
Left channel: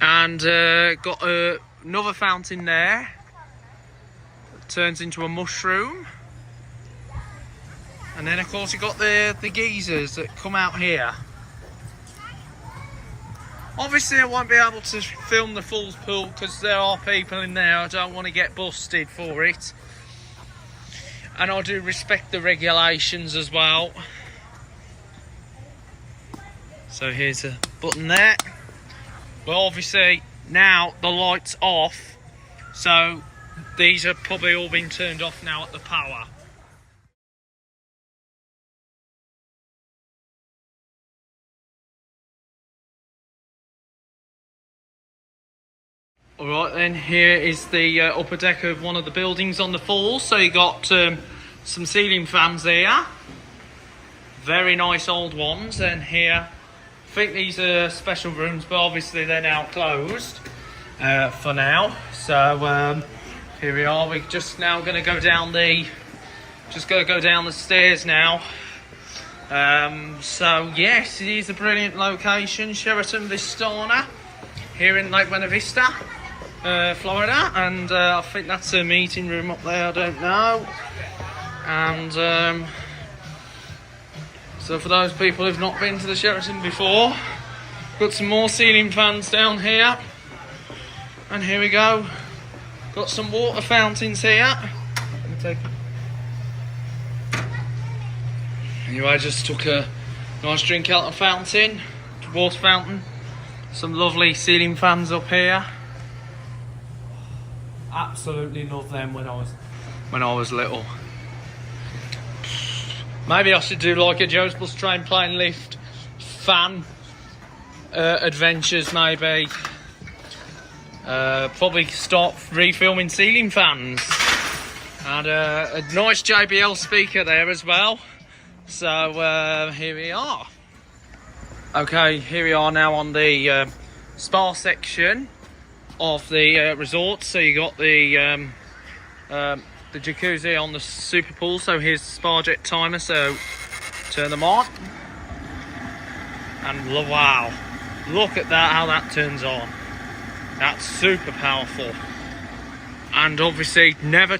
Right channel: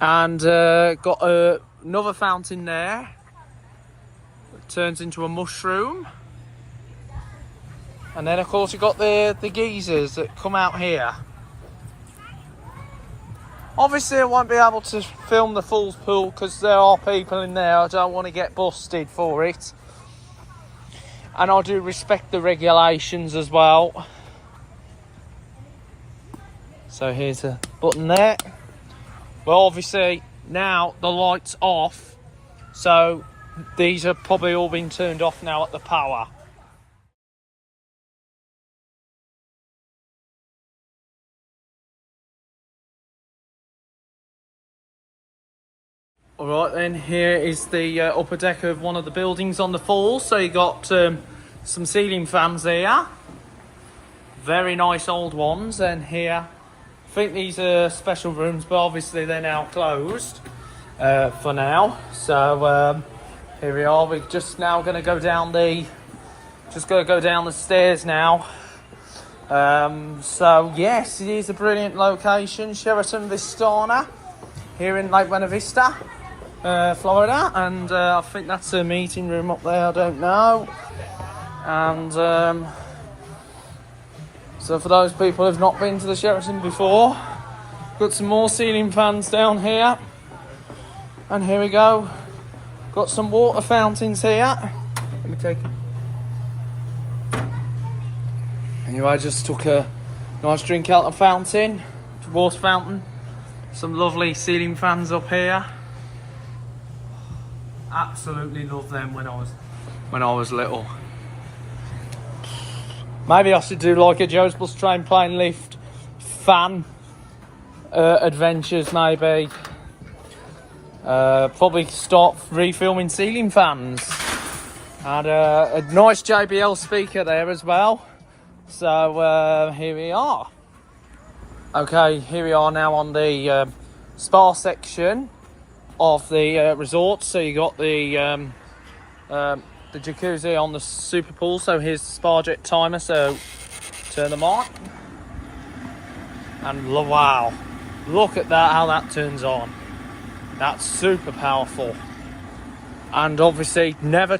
And got another fountain there. That turns into a mushroom. And then of course you've got the geysers that come out here. Obviously I won't be able to film the Falls Pool because there are people in there. I don't want to get busted for it. And I do respect the regulations as well. So here's a button there. Well, obviously now the light's off. So these are probably all been turned off now at the power. Alright then, here is the upper deck of one of the buildings on the falls. So you got some ceiling fans there. Very nice old ones. And here, I think these are special rooms, but obviously they're now closed for now. So here we are. We're just now going to go down the stairs now. So yes, it is a brilliant location, Sheraton Vistana, here in Lake Buena Vista. Florida, and I think that's a meeting room up there, I don't know. And so for those people who've not been to the Sheraton before, got some more ceiling fans down here, and here we go, got some water fountains here. Anyway, I just took a nice drink out of the fountain, water fountain. Some lovely ceiling fans up here. Absolutely love them when I was little. Maybe I should do like a Joe's Bus Train Plane Lift fan adventures maybe. Probably start refilming ceiling fans. And a nice JBL speaker there as well. So here we are. Okay, here we are now on the spa section of the resort. So you got the jacuzzi on the super pool. So here's the spa jet timer, so turn them on, and wow, look at that, how that turns on. That's super powerful. And obviously never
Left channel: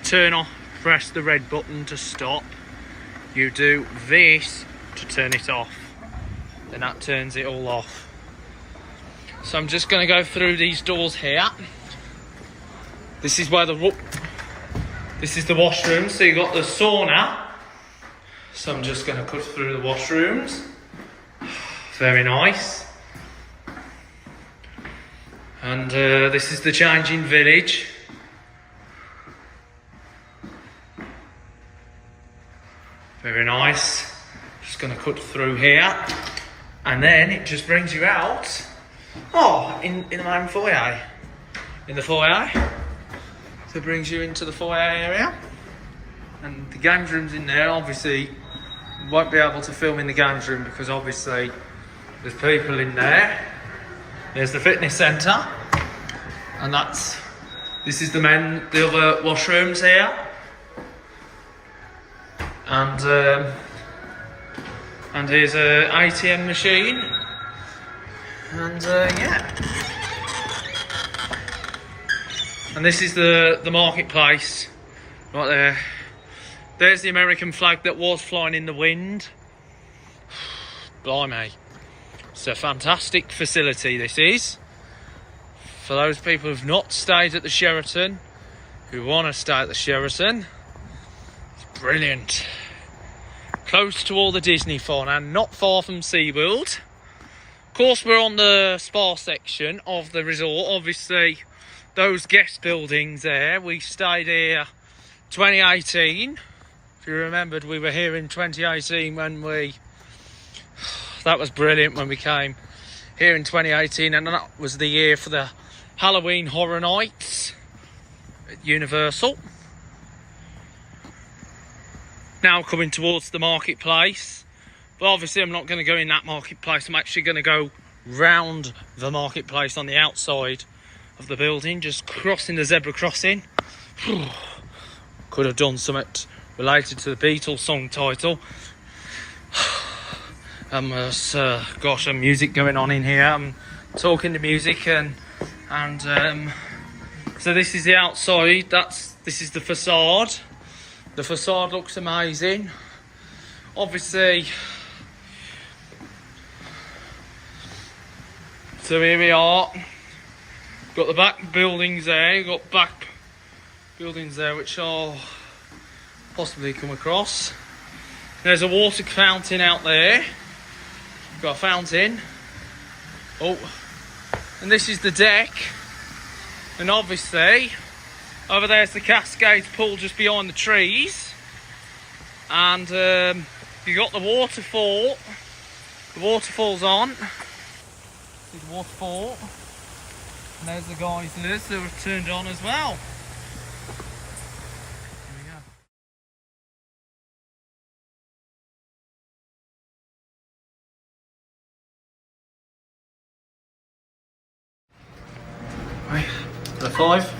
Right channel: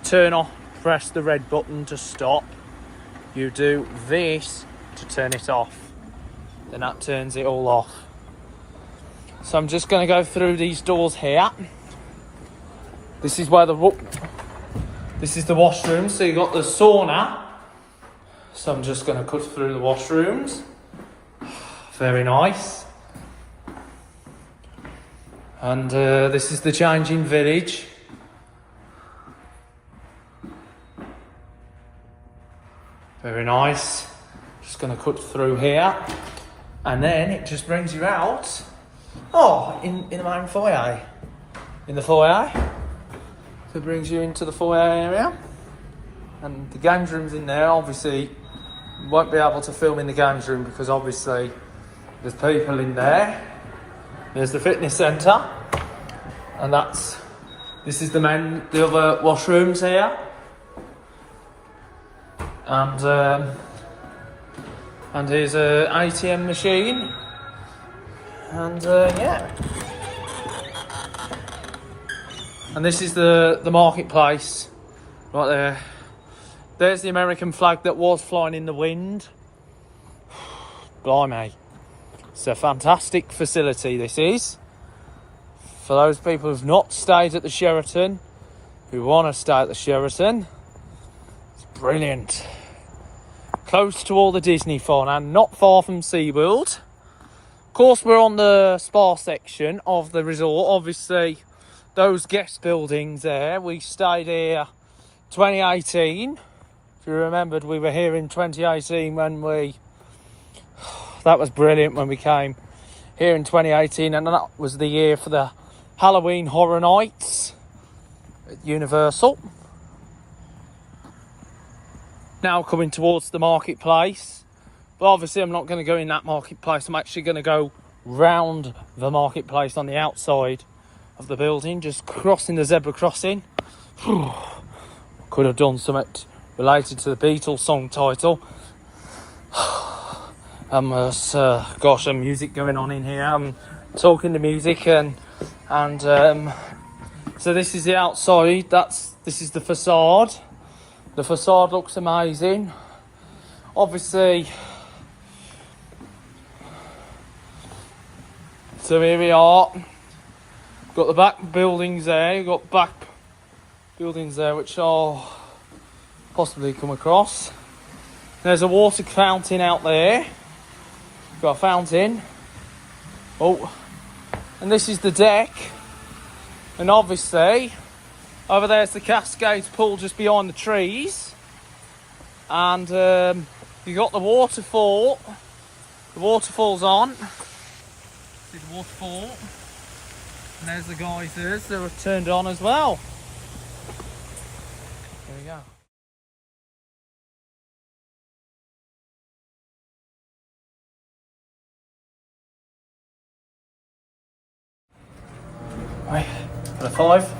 press the red button to stop. You do this to turn it off, then that turns it all off. So I'm just going to go through these doors here. This is where this is the washroom. So you've got the sauna. So I'm just going to cut through the washrooms. Very nice. And this is the changing village. Very nice. Just going to cut through here. And then it just brings you out. Oh, in the main foyer. In the foyer. So it brings you into the foyer area. And the games room's in there. Obviously, won't be able to film in the games room because obviously there's people in there. There's the fitness centre. And this is the other washrooms here. And here's a ATM machine. And yeah. And this is the marketplace right there. There's the American flag that was flying in the wind. Blimey. It's a fantastic facility, this is. For those people who've not stayed at the Sheraton, who want to stay at the Sheraton, it's brilliant. Close to all the Disney fun and not far from SeaWorld. Of course, we're on the spa section of the resort. Obviously, those guest buildings there, we stayed here 2018. If you remembered, we were here in 2018 when that was brilliant when we came here in 2018, and that was the year for the Halloween Horror Nights at Universal. Now coming towards the marketplace, but obviously I'm not going to go in that marketplace. I'm actually going to go round the marketplace on the outside of the building, just crossing the zebra crossing. Could have done something related to the Beatles song title. There's got some music going on in here. I'm talking to music and so this is the outside. This is the facade. The facade looks amazing. Obviously, so here we are. Got the back buildings there. You've got back buildings there which I'll possibly come across. There's a water fountain out there. Got a fountain. Oh, and this is the deck. And obviously, over there's the Cascades pool just behind the trees. And you got the waterfall. The waterfall's on. See the waterfall. And there's the geysers that were turned on as well. Here we go. Right, for the 5.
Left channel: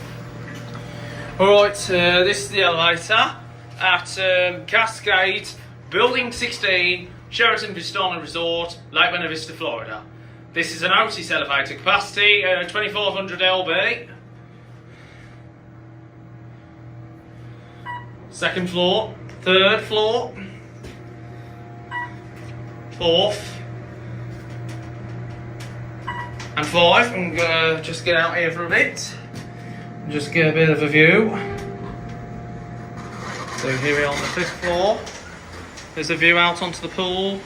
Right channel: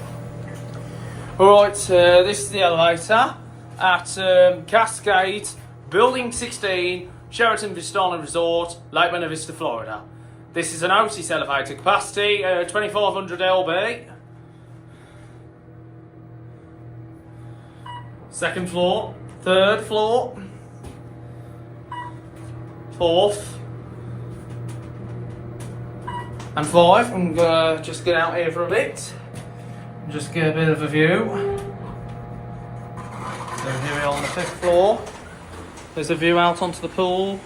Alright, this is the elevator at Cascade, Building 16, Sheraton Vistana Resort, Lake Buena Vista, Florida. This is an Otis elevator, capacity 2500 lb. Second floor, third floor, fourth, and 5. I'm gonna just get out here for a bit and just get a bit of a view. So here we are on the 5th floor. There's a view out onto the pool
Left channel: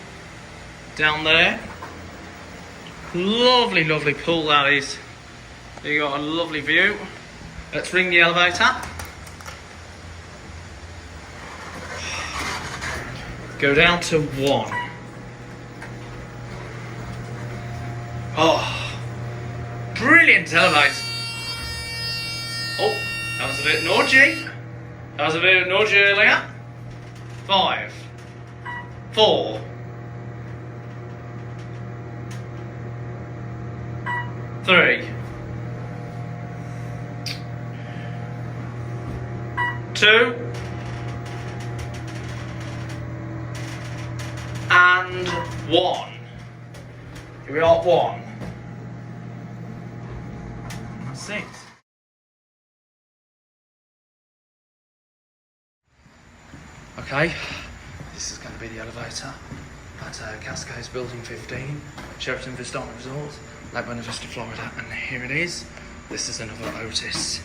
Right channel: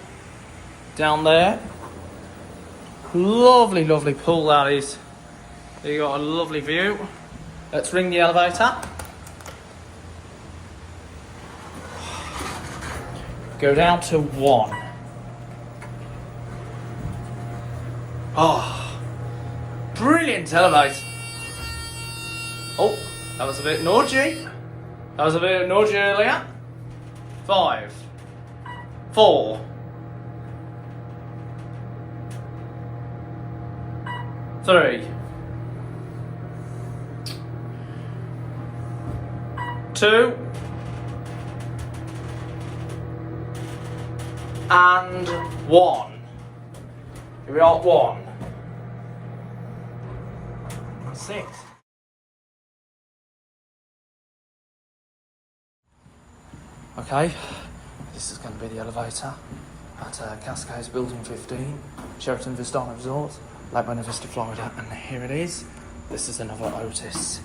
down there. Lovely, lovely pool that is. You got a lovely view. Let's ring the elevator. Go down to 1. Oh, brilliant elevator. Oh, that was a bit naughty. That was a bit naughty earlier. 5, 4, 3, 2, and 1. Here we are at 1. That's it. Okay, this is going to be the elevator at Cascades Building 15, Sheraton Vistana Resort, Lake Buena Vista, Florida, and here it is. This is another Otis.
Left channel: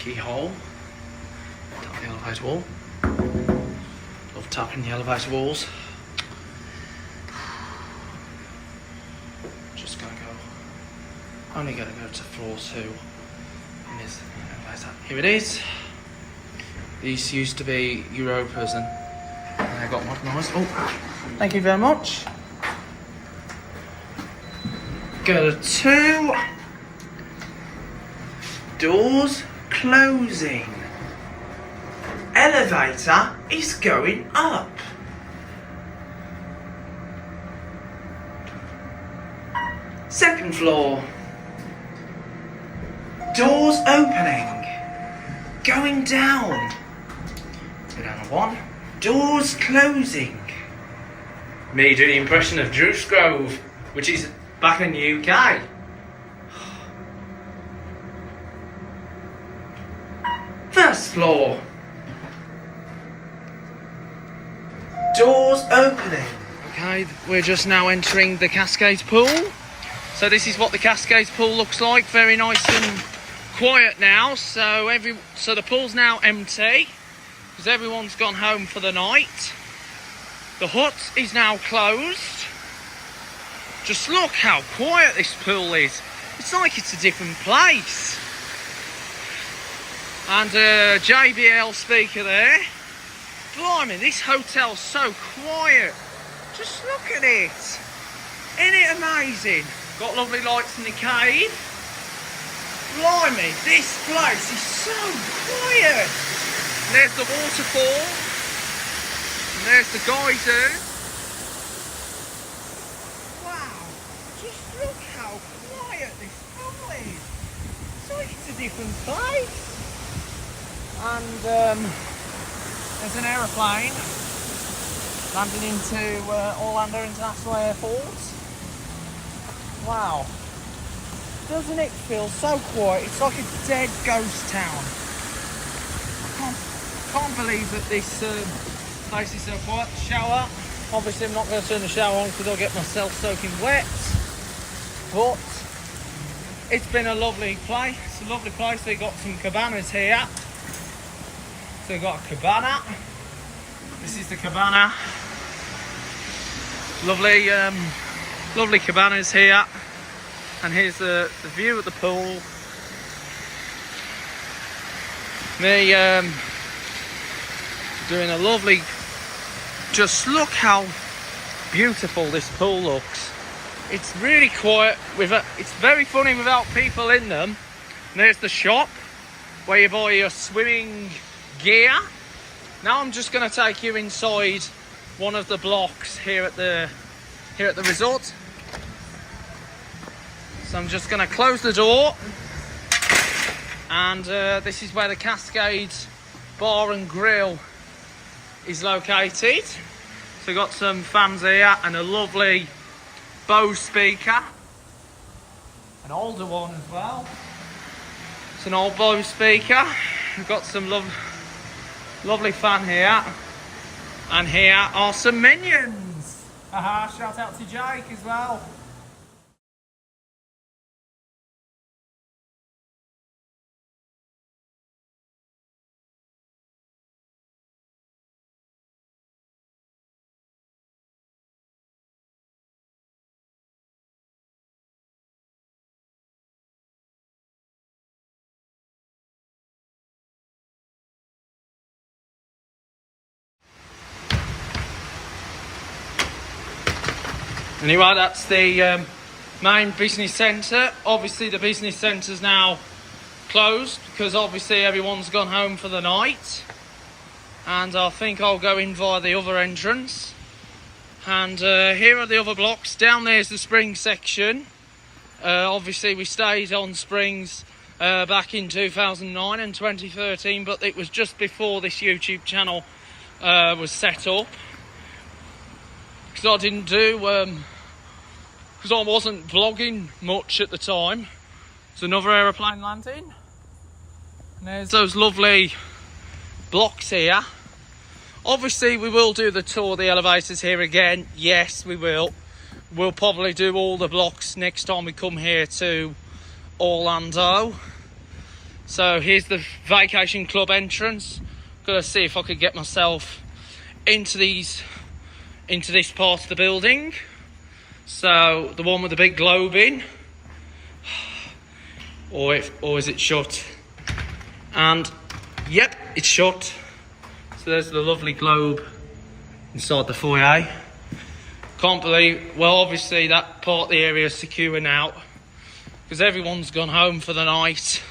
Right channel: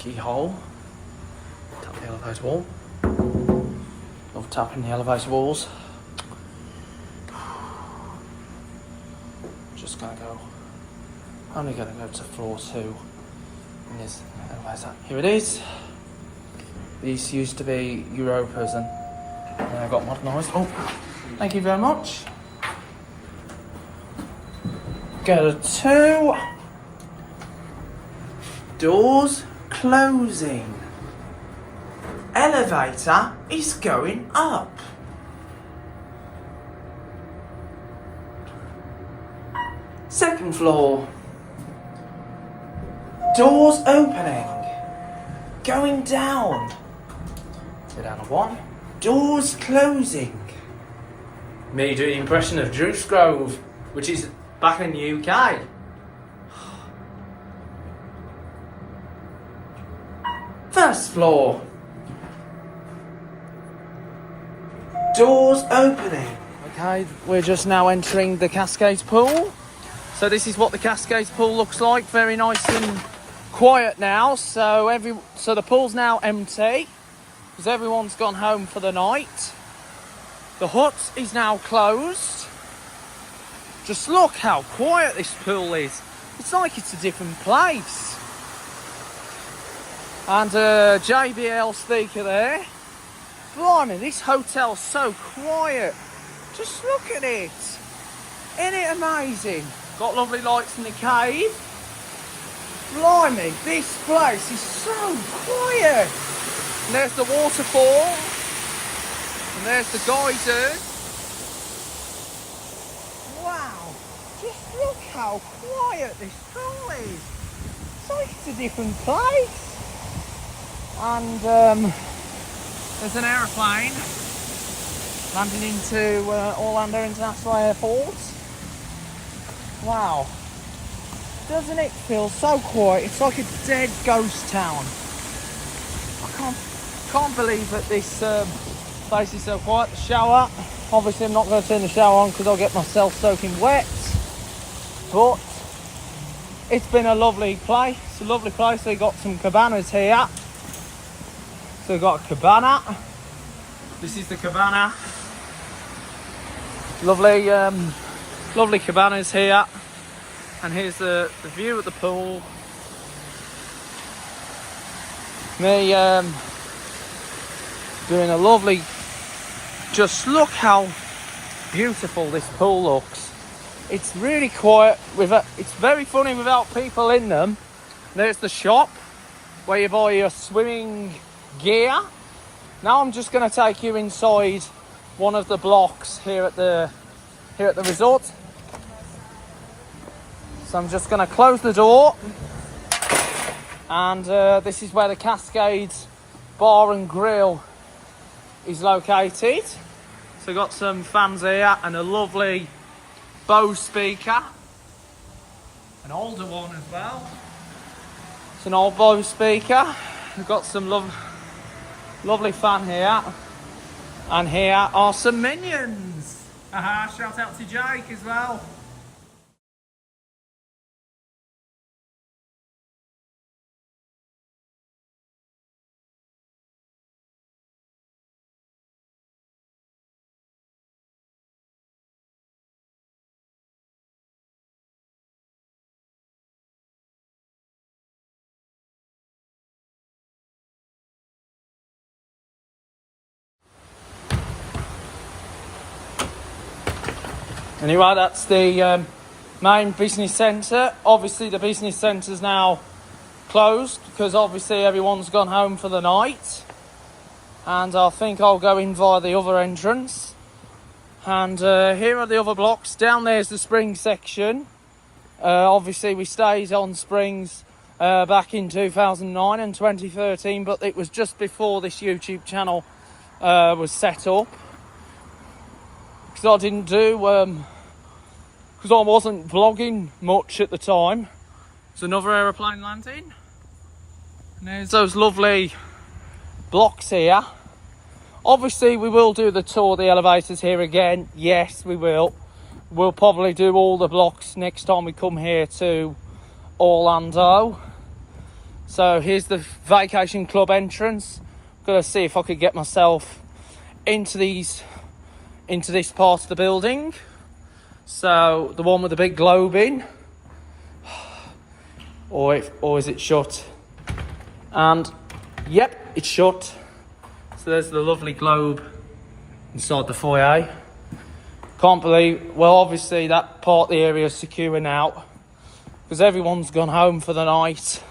Keyhole, tap the elevator wall. Lovely tapping the elevator walls. Just gonna go, only gonna go to floor 2 in this elevator. Here it is. These used to be Europas and then I got modernised. Oh, thank you very much. Go to 2. Doors closing. Elevator is going up. Second floor. Doors opening. Going down. Go down to 1. Doors closing. Me doing the impression of Drew Scrove, which is back in the UK. First floor. Doors opening. Okay, we're just now entering the Cascades pool. So this is what the Cascades pool looks like. Very nice and quiet now. So the pool's now empty because everyone's gone home for the night. The hut is now closed. Just look how quiet this pool is. It's like it's a different place. And a JBL speaker there. Blimey, this hotel's so quiet. Just look at it. Isn't it amazing? Got lovely lights in the cave. Blimey, this place is so quiet. And there's the waterfall. And there's the geyser. Wow. Just look how quiet this pool is. It's like it's a different place. And there's an aeroplane landing into Orlando International Airport. Wow. Doesn't it feel so quiet? It's like a dead ghost town. I can't believe that this place is so quiet. The shower. Obviously I'm not going to turn the shower on because I'll get myself soaking wet. But it's been a lovely place. It's a lovely place. They got some cabanas here. So we've got a cabana. This is the cabana. Lovely, lovely cabanas here. And here's the view of the pool. Me doing a lovely. Just look how beautiful this pool looks. It's really quiet. It's very funny without people in them. And there's the shop where you buy your swimming gear. Now I'm just going to take you inside one of the blocks here at the resort. So I'm just going to close the door, and this is where the Cascades Bar and Grill is located. So we've got some fans here and a lovely Bose speaker, an older one as well. It's an old Bose speaker. We've got some lovely fan here, and here are some minions. Shout out to Jake as well. Anyway, that's the main business centre. Obviously the business centre's now closed because obviously everyone's gone home for the night. And I think I'll go in via the other entrance. And here are the other blocks. Down there's the Springs section. Obviously we stayed on Springs back in 2009 and 2013, but it was just before this YouTube channel was set up. Because I didn't do, because I wasn't vlogging much at the time. There's another aeroplane landing. And there's those lovely blocks here. Obviously we will do the tour of the elevators here again. Yes, we will. We'll probably do all the blocks next time we come here to Orlando. So here's the vacation club entrance. Gotta see if I could get myself into this part of the building. So the one with the big globe in, or is it shut? And yep, it's shut. So there's the lovely globe inside the foyer. Can't believe, well, obviously that part of the area is secure now because everyone's gone home for the night.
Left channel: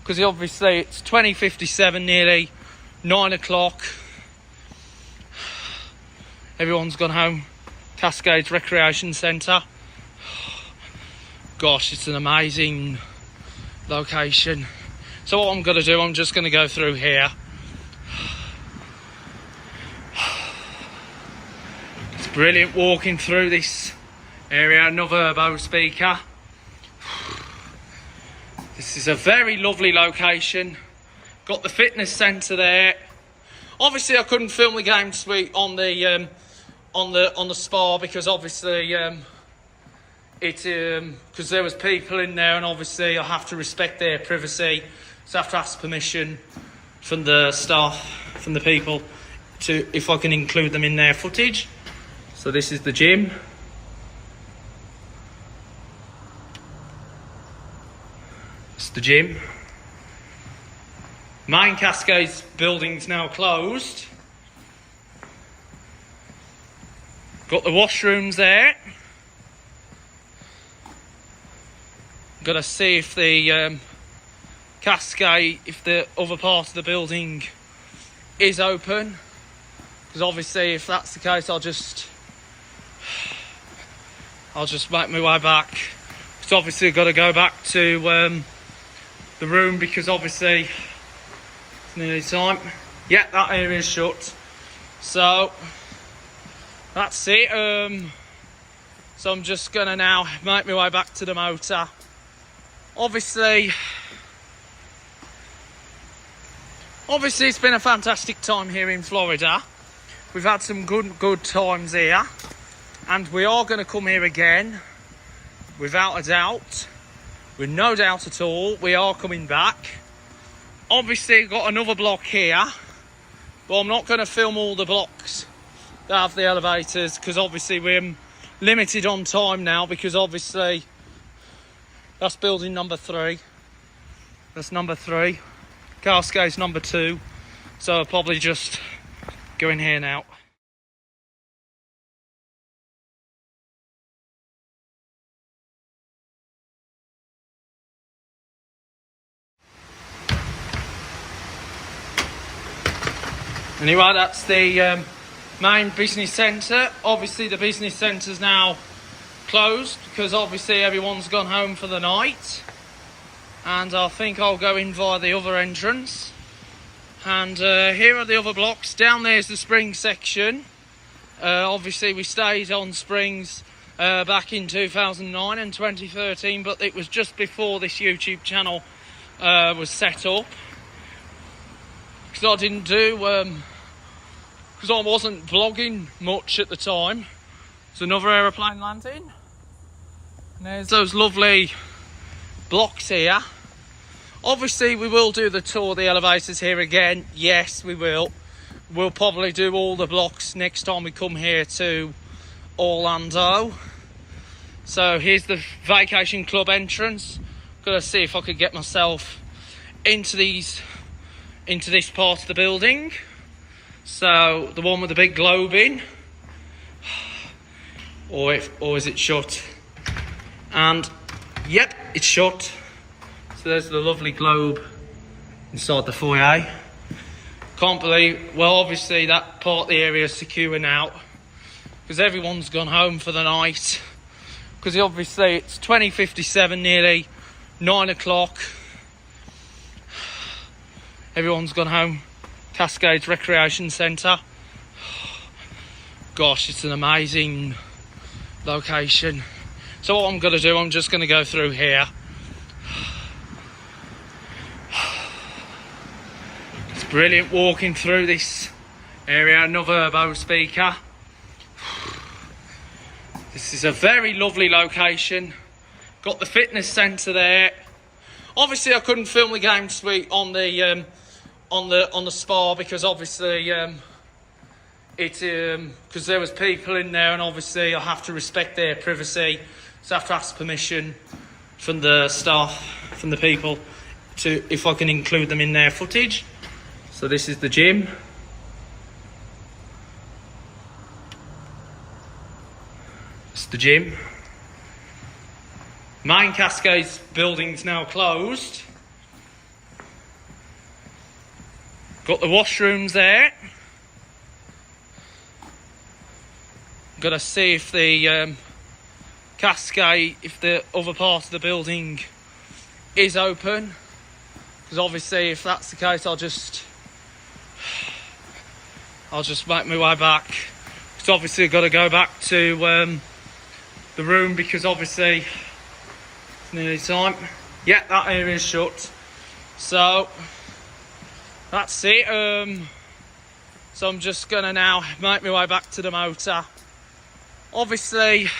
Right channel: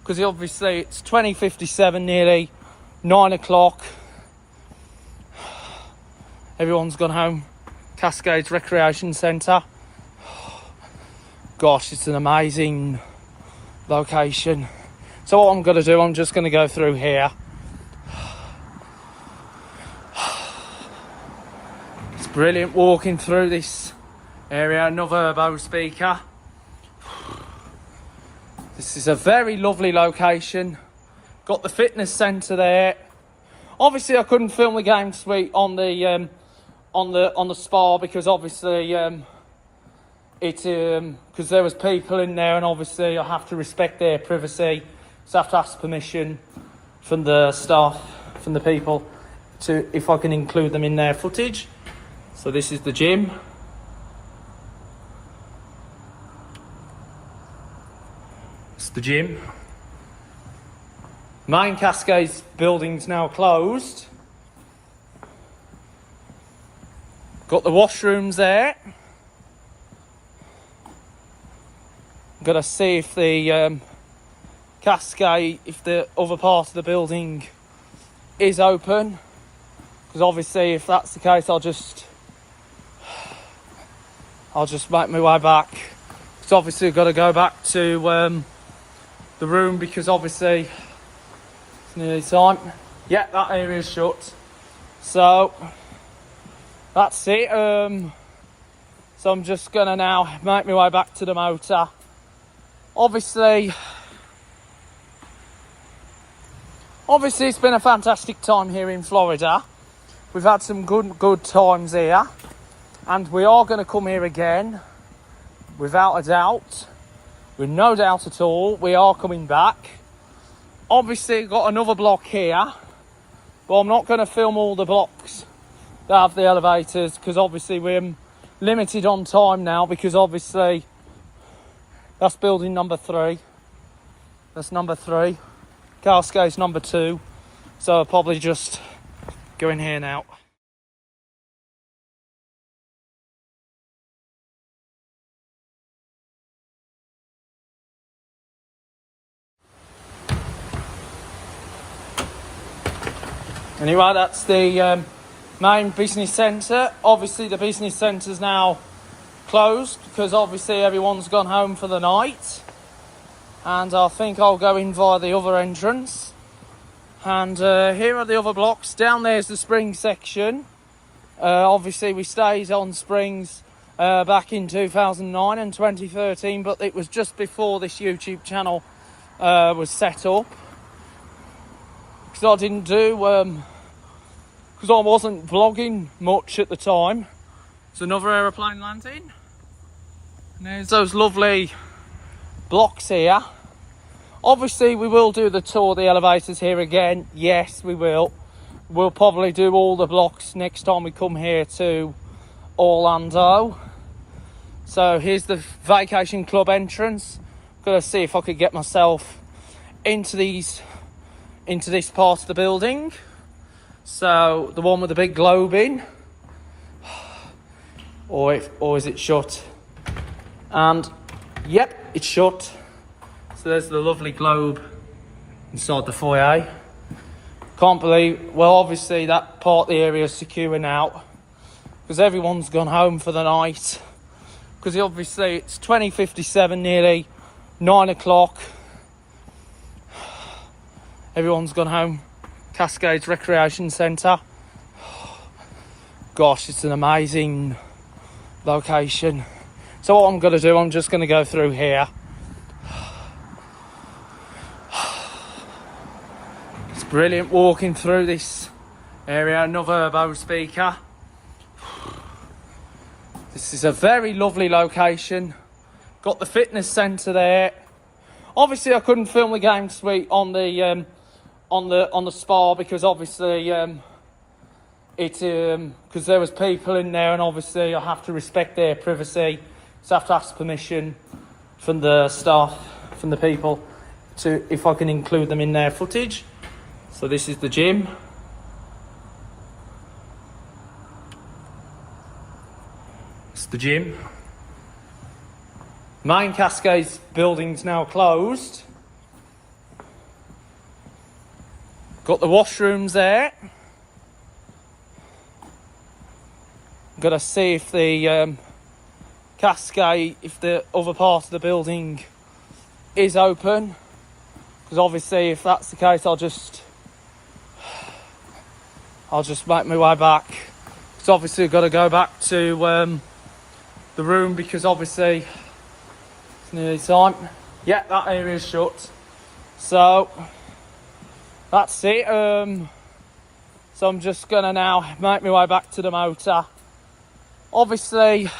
Because obviously it's 20:57, nearly 9 o'clock. Everyone's gone home. Cascades Recreation Centre. Gosh, it's an amazing location. So what I'm going to do, I'm just going to go through here. It's brilliant walking through this area. Another Bose speaker. This is a very lovely location. Got the fitness centre there. Obviously, I couldn't film the game suite on the spa because obviously because there was people in there, and obviously I have to respect their privacy, so I have to ask permission from the staff, from the people, to if I can include them in their footage. So this is the gym. The gym. Main Cascades building's now closed. Got the washrooms there. Gotta see if the Cascade, if the other part of the building is open, because obviously if that's the case I'll just make my way back. It's obviously got to go back to the room because obviously it's nearly time. Yeah, that area is shut. So that's it. So I'm just gonna now make my way back to the motor. Obviously it's been a fantastic time here in Florida. We've had some good times here, and we are going to come here again, without a doubt. With no doubt at all, we are coming back. Obviously, got another block here, but I'm not going to film all the blocks that have the elevators because obviously we're limited on time now. Because obviously, that's building number 3. That's number 3. Cascades number 2. So I'll probably just go in here now. Anyway, that's the main business centre. Obviously the business centre's now closed because obviously everyone's gone home for the night. And I think I'll go in via the other entrance. And here are the other blocks. Down there's the Springs section. Obviously we stayed on Springs back in 2009 and 2013, but it was just before this YouTube channel was set up. Because I didn't do, because I wasn't vlogging much at the time. There's another aeroplane landing. And there's those lovely blocks here. Obviously we will do the tour of the elevators here again. Yes, we will. We'll probably do all the blocks next time we come here to Orlando. So here's the vacation club entrance. Gotta see if I could get myself into this part of the building. So the one with the big globe in, or is it shut? And yep, it's shut. So there's the lovely globe inside the foyer. Can't believe, well, obviously that part of the area is secure now because everyone's gone home for the night. Because obviously it's 20:57, nearly 9 o'clock. Everyone's gone home. Cascades Recreation Centre. Gosh, it's an amazing location. So what I'm going to do, I'm just going to go through here. It's brilliant walking through this area. Another Bose speaker. This is a very lovely location. Got the fitness centre there. Obviously, I couldn't film the game suite on the spa because obviously It because there was people in there, and obviously I have to respect their privacy, so I have to ask permission from the staff, from the people, to if I can include them in their footage. So this is the gym. It's the gym. Main Cascades building's now closed. Got the washrooms there. Got to see if the Cascade, if the other part of the building is open, because obviously if that's the case, I'll just make my way back. Because obviously I've got to go back to the room, because obviously it's nearly time. Yeah, that area is shut. So that's it. So I'm just gonna now make my way back to the motor. Obviously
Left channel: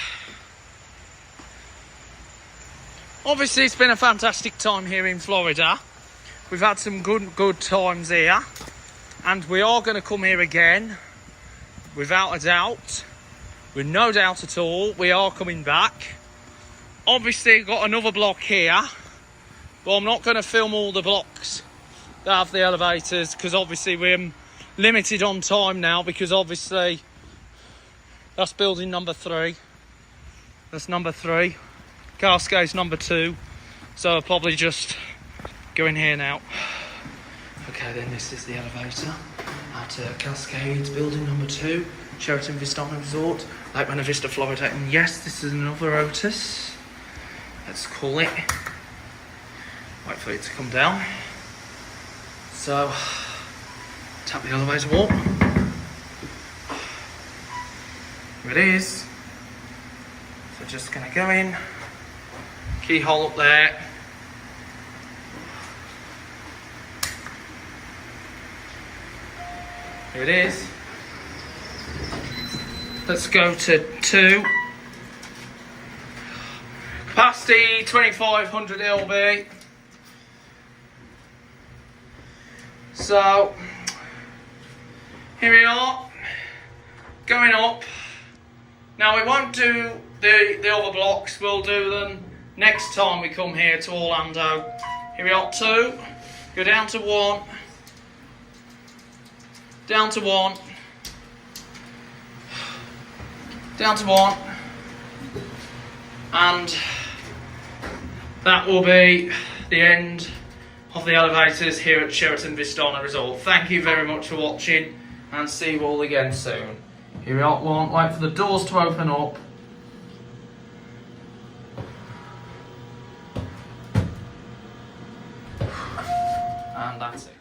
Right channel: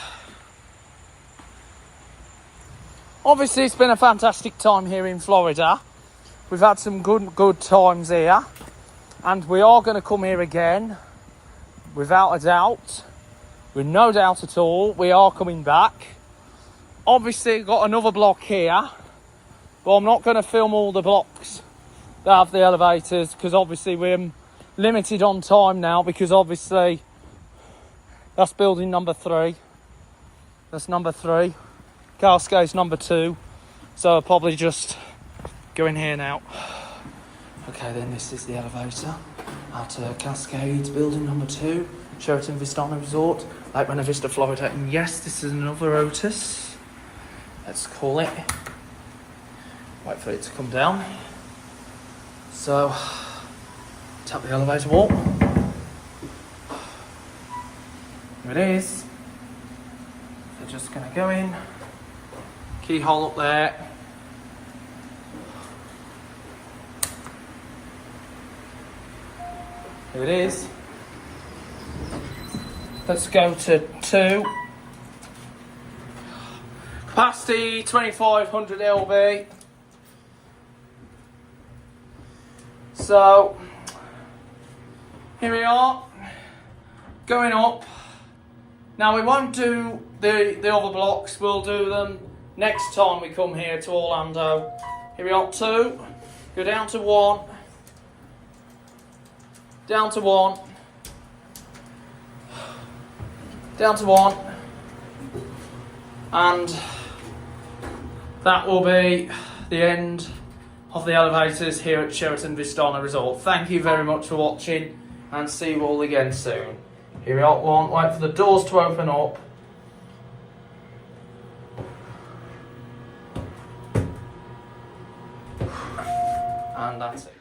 it's been a fantastic time here in Florida. We've had some good times here, and we are going to come here again, without a doubt, with no doubt at all. We are coming back. Obviously got another block here, but I'm not going to film all the blocks that have the elevators, because obviously we're limited on time now, because obviously that's building number 3. That's number 3. Cascade's number 2. So I'll probably just go in here now. Okay, then this is the elevator at Cascades building number 2, Sheraton Vistana Resort, Lake Buena Vista, Florida. And yes, this is another Otis. Let's call it. Wait for it to come down. So, tap the elevator wall. Here it is. So just gonna go in, keyhole up there. Here it is. Let's go to 2. Capacity 2500 lb. So here we are, going up. Now we won't do the other blocks, we'll do them next time we come here to Orlando. Here we are, 2, go down to 1, down to 1, down to 1, and that will be the end of the elevators here at Sheraton Vistana Resort. Thank you very much for watching, and see you all again soon. Here we are, 1, wait for the doors to open up. And that's it.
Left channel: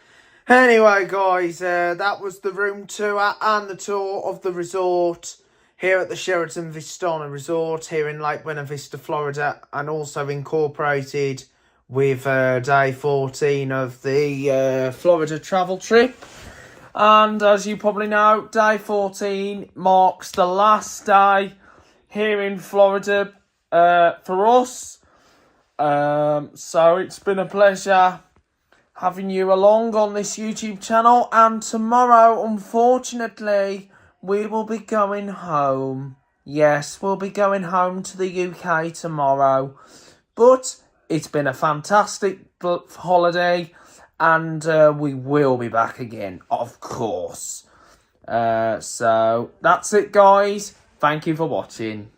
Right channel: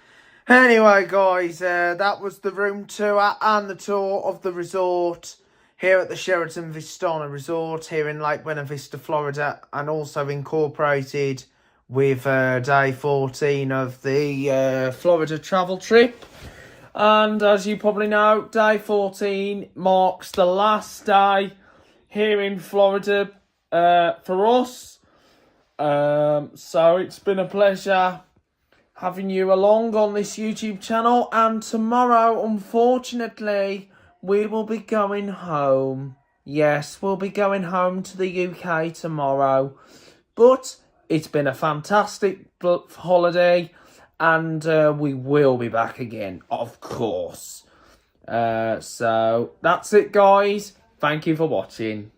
Anyway guys, that was the room tour and the tour of the resort here at the Sheraton Vistana Resort here in Lake Buena Vista, Florida, and also incorporated with day 14 of the Florida travel trip. And as you probably know, day 14 marks the last day here in Florida for us. So it's been a pleasure having you along on this YouTube channel. And tomorrow, unfortunately, we will be going home. Yes, we'll be going home to the UK tomorrow. But it's been a fantastic holiday, and we will be back again, of course. So that's it, guys. Thank you for watching.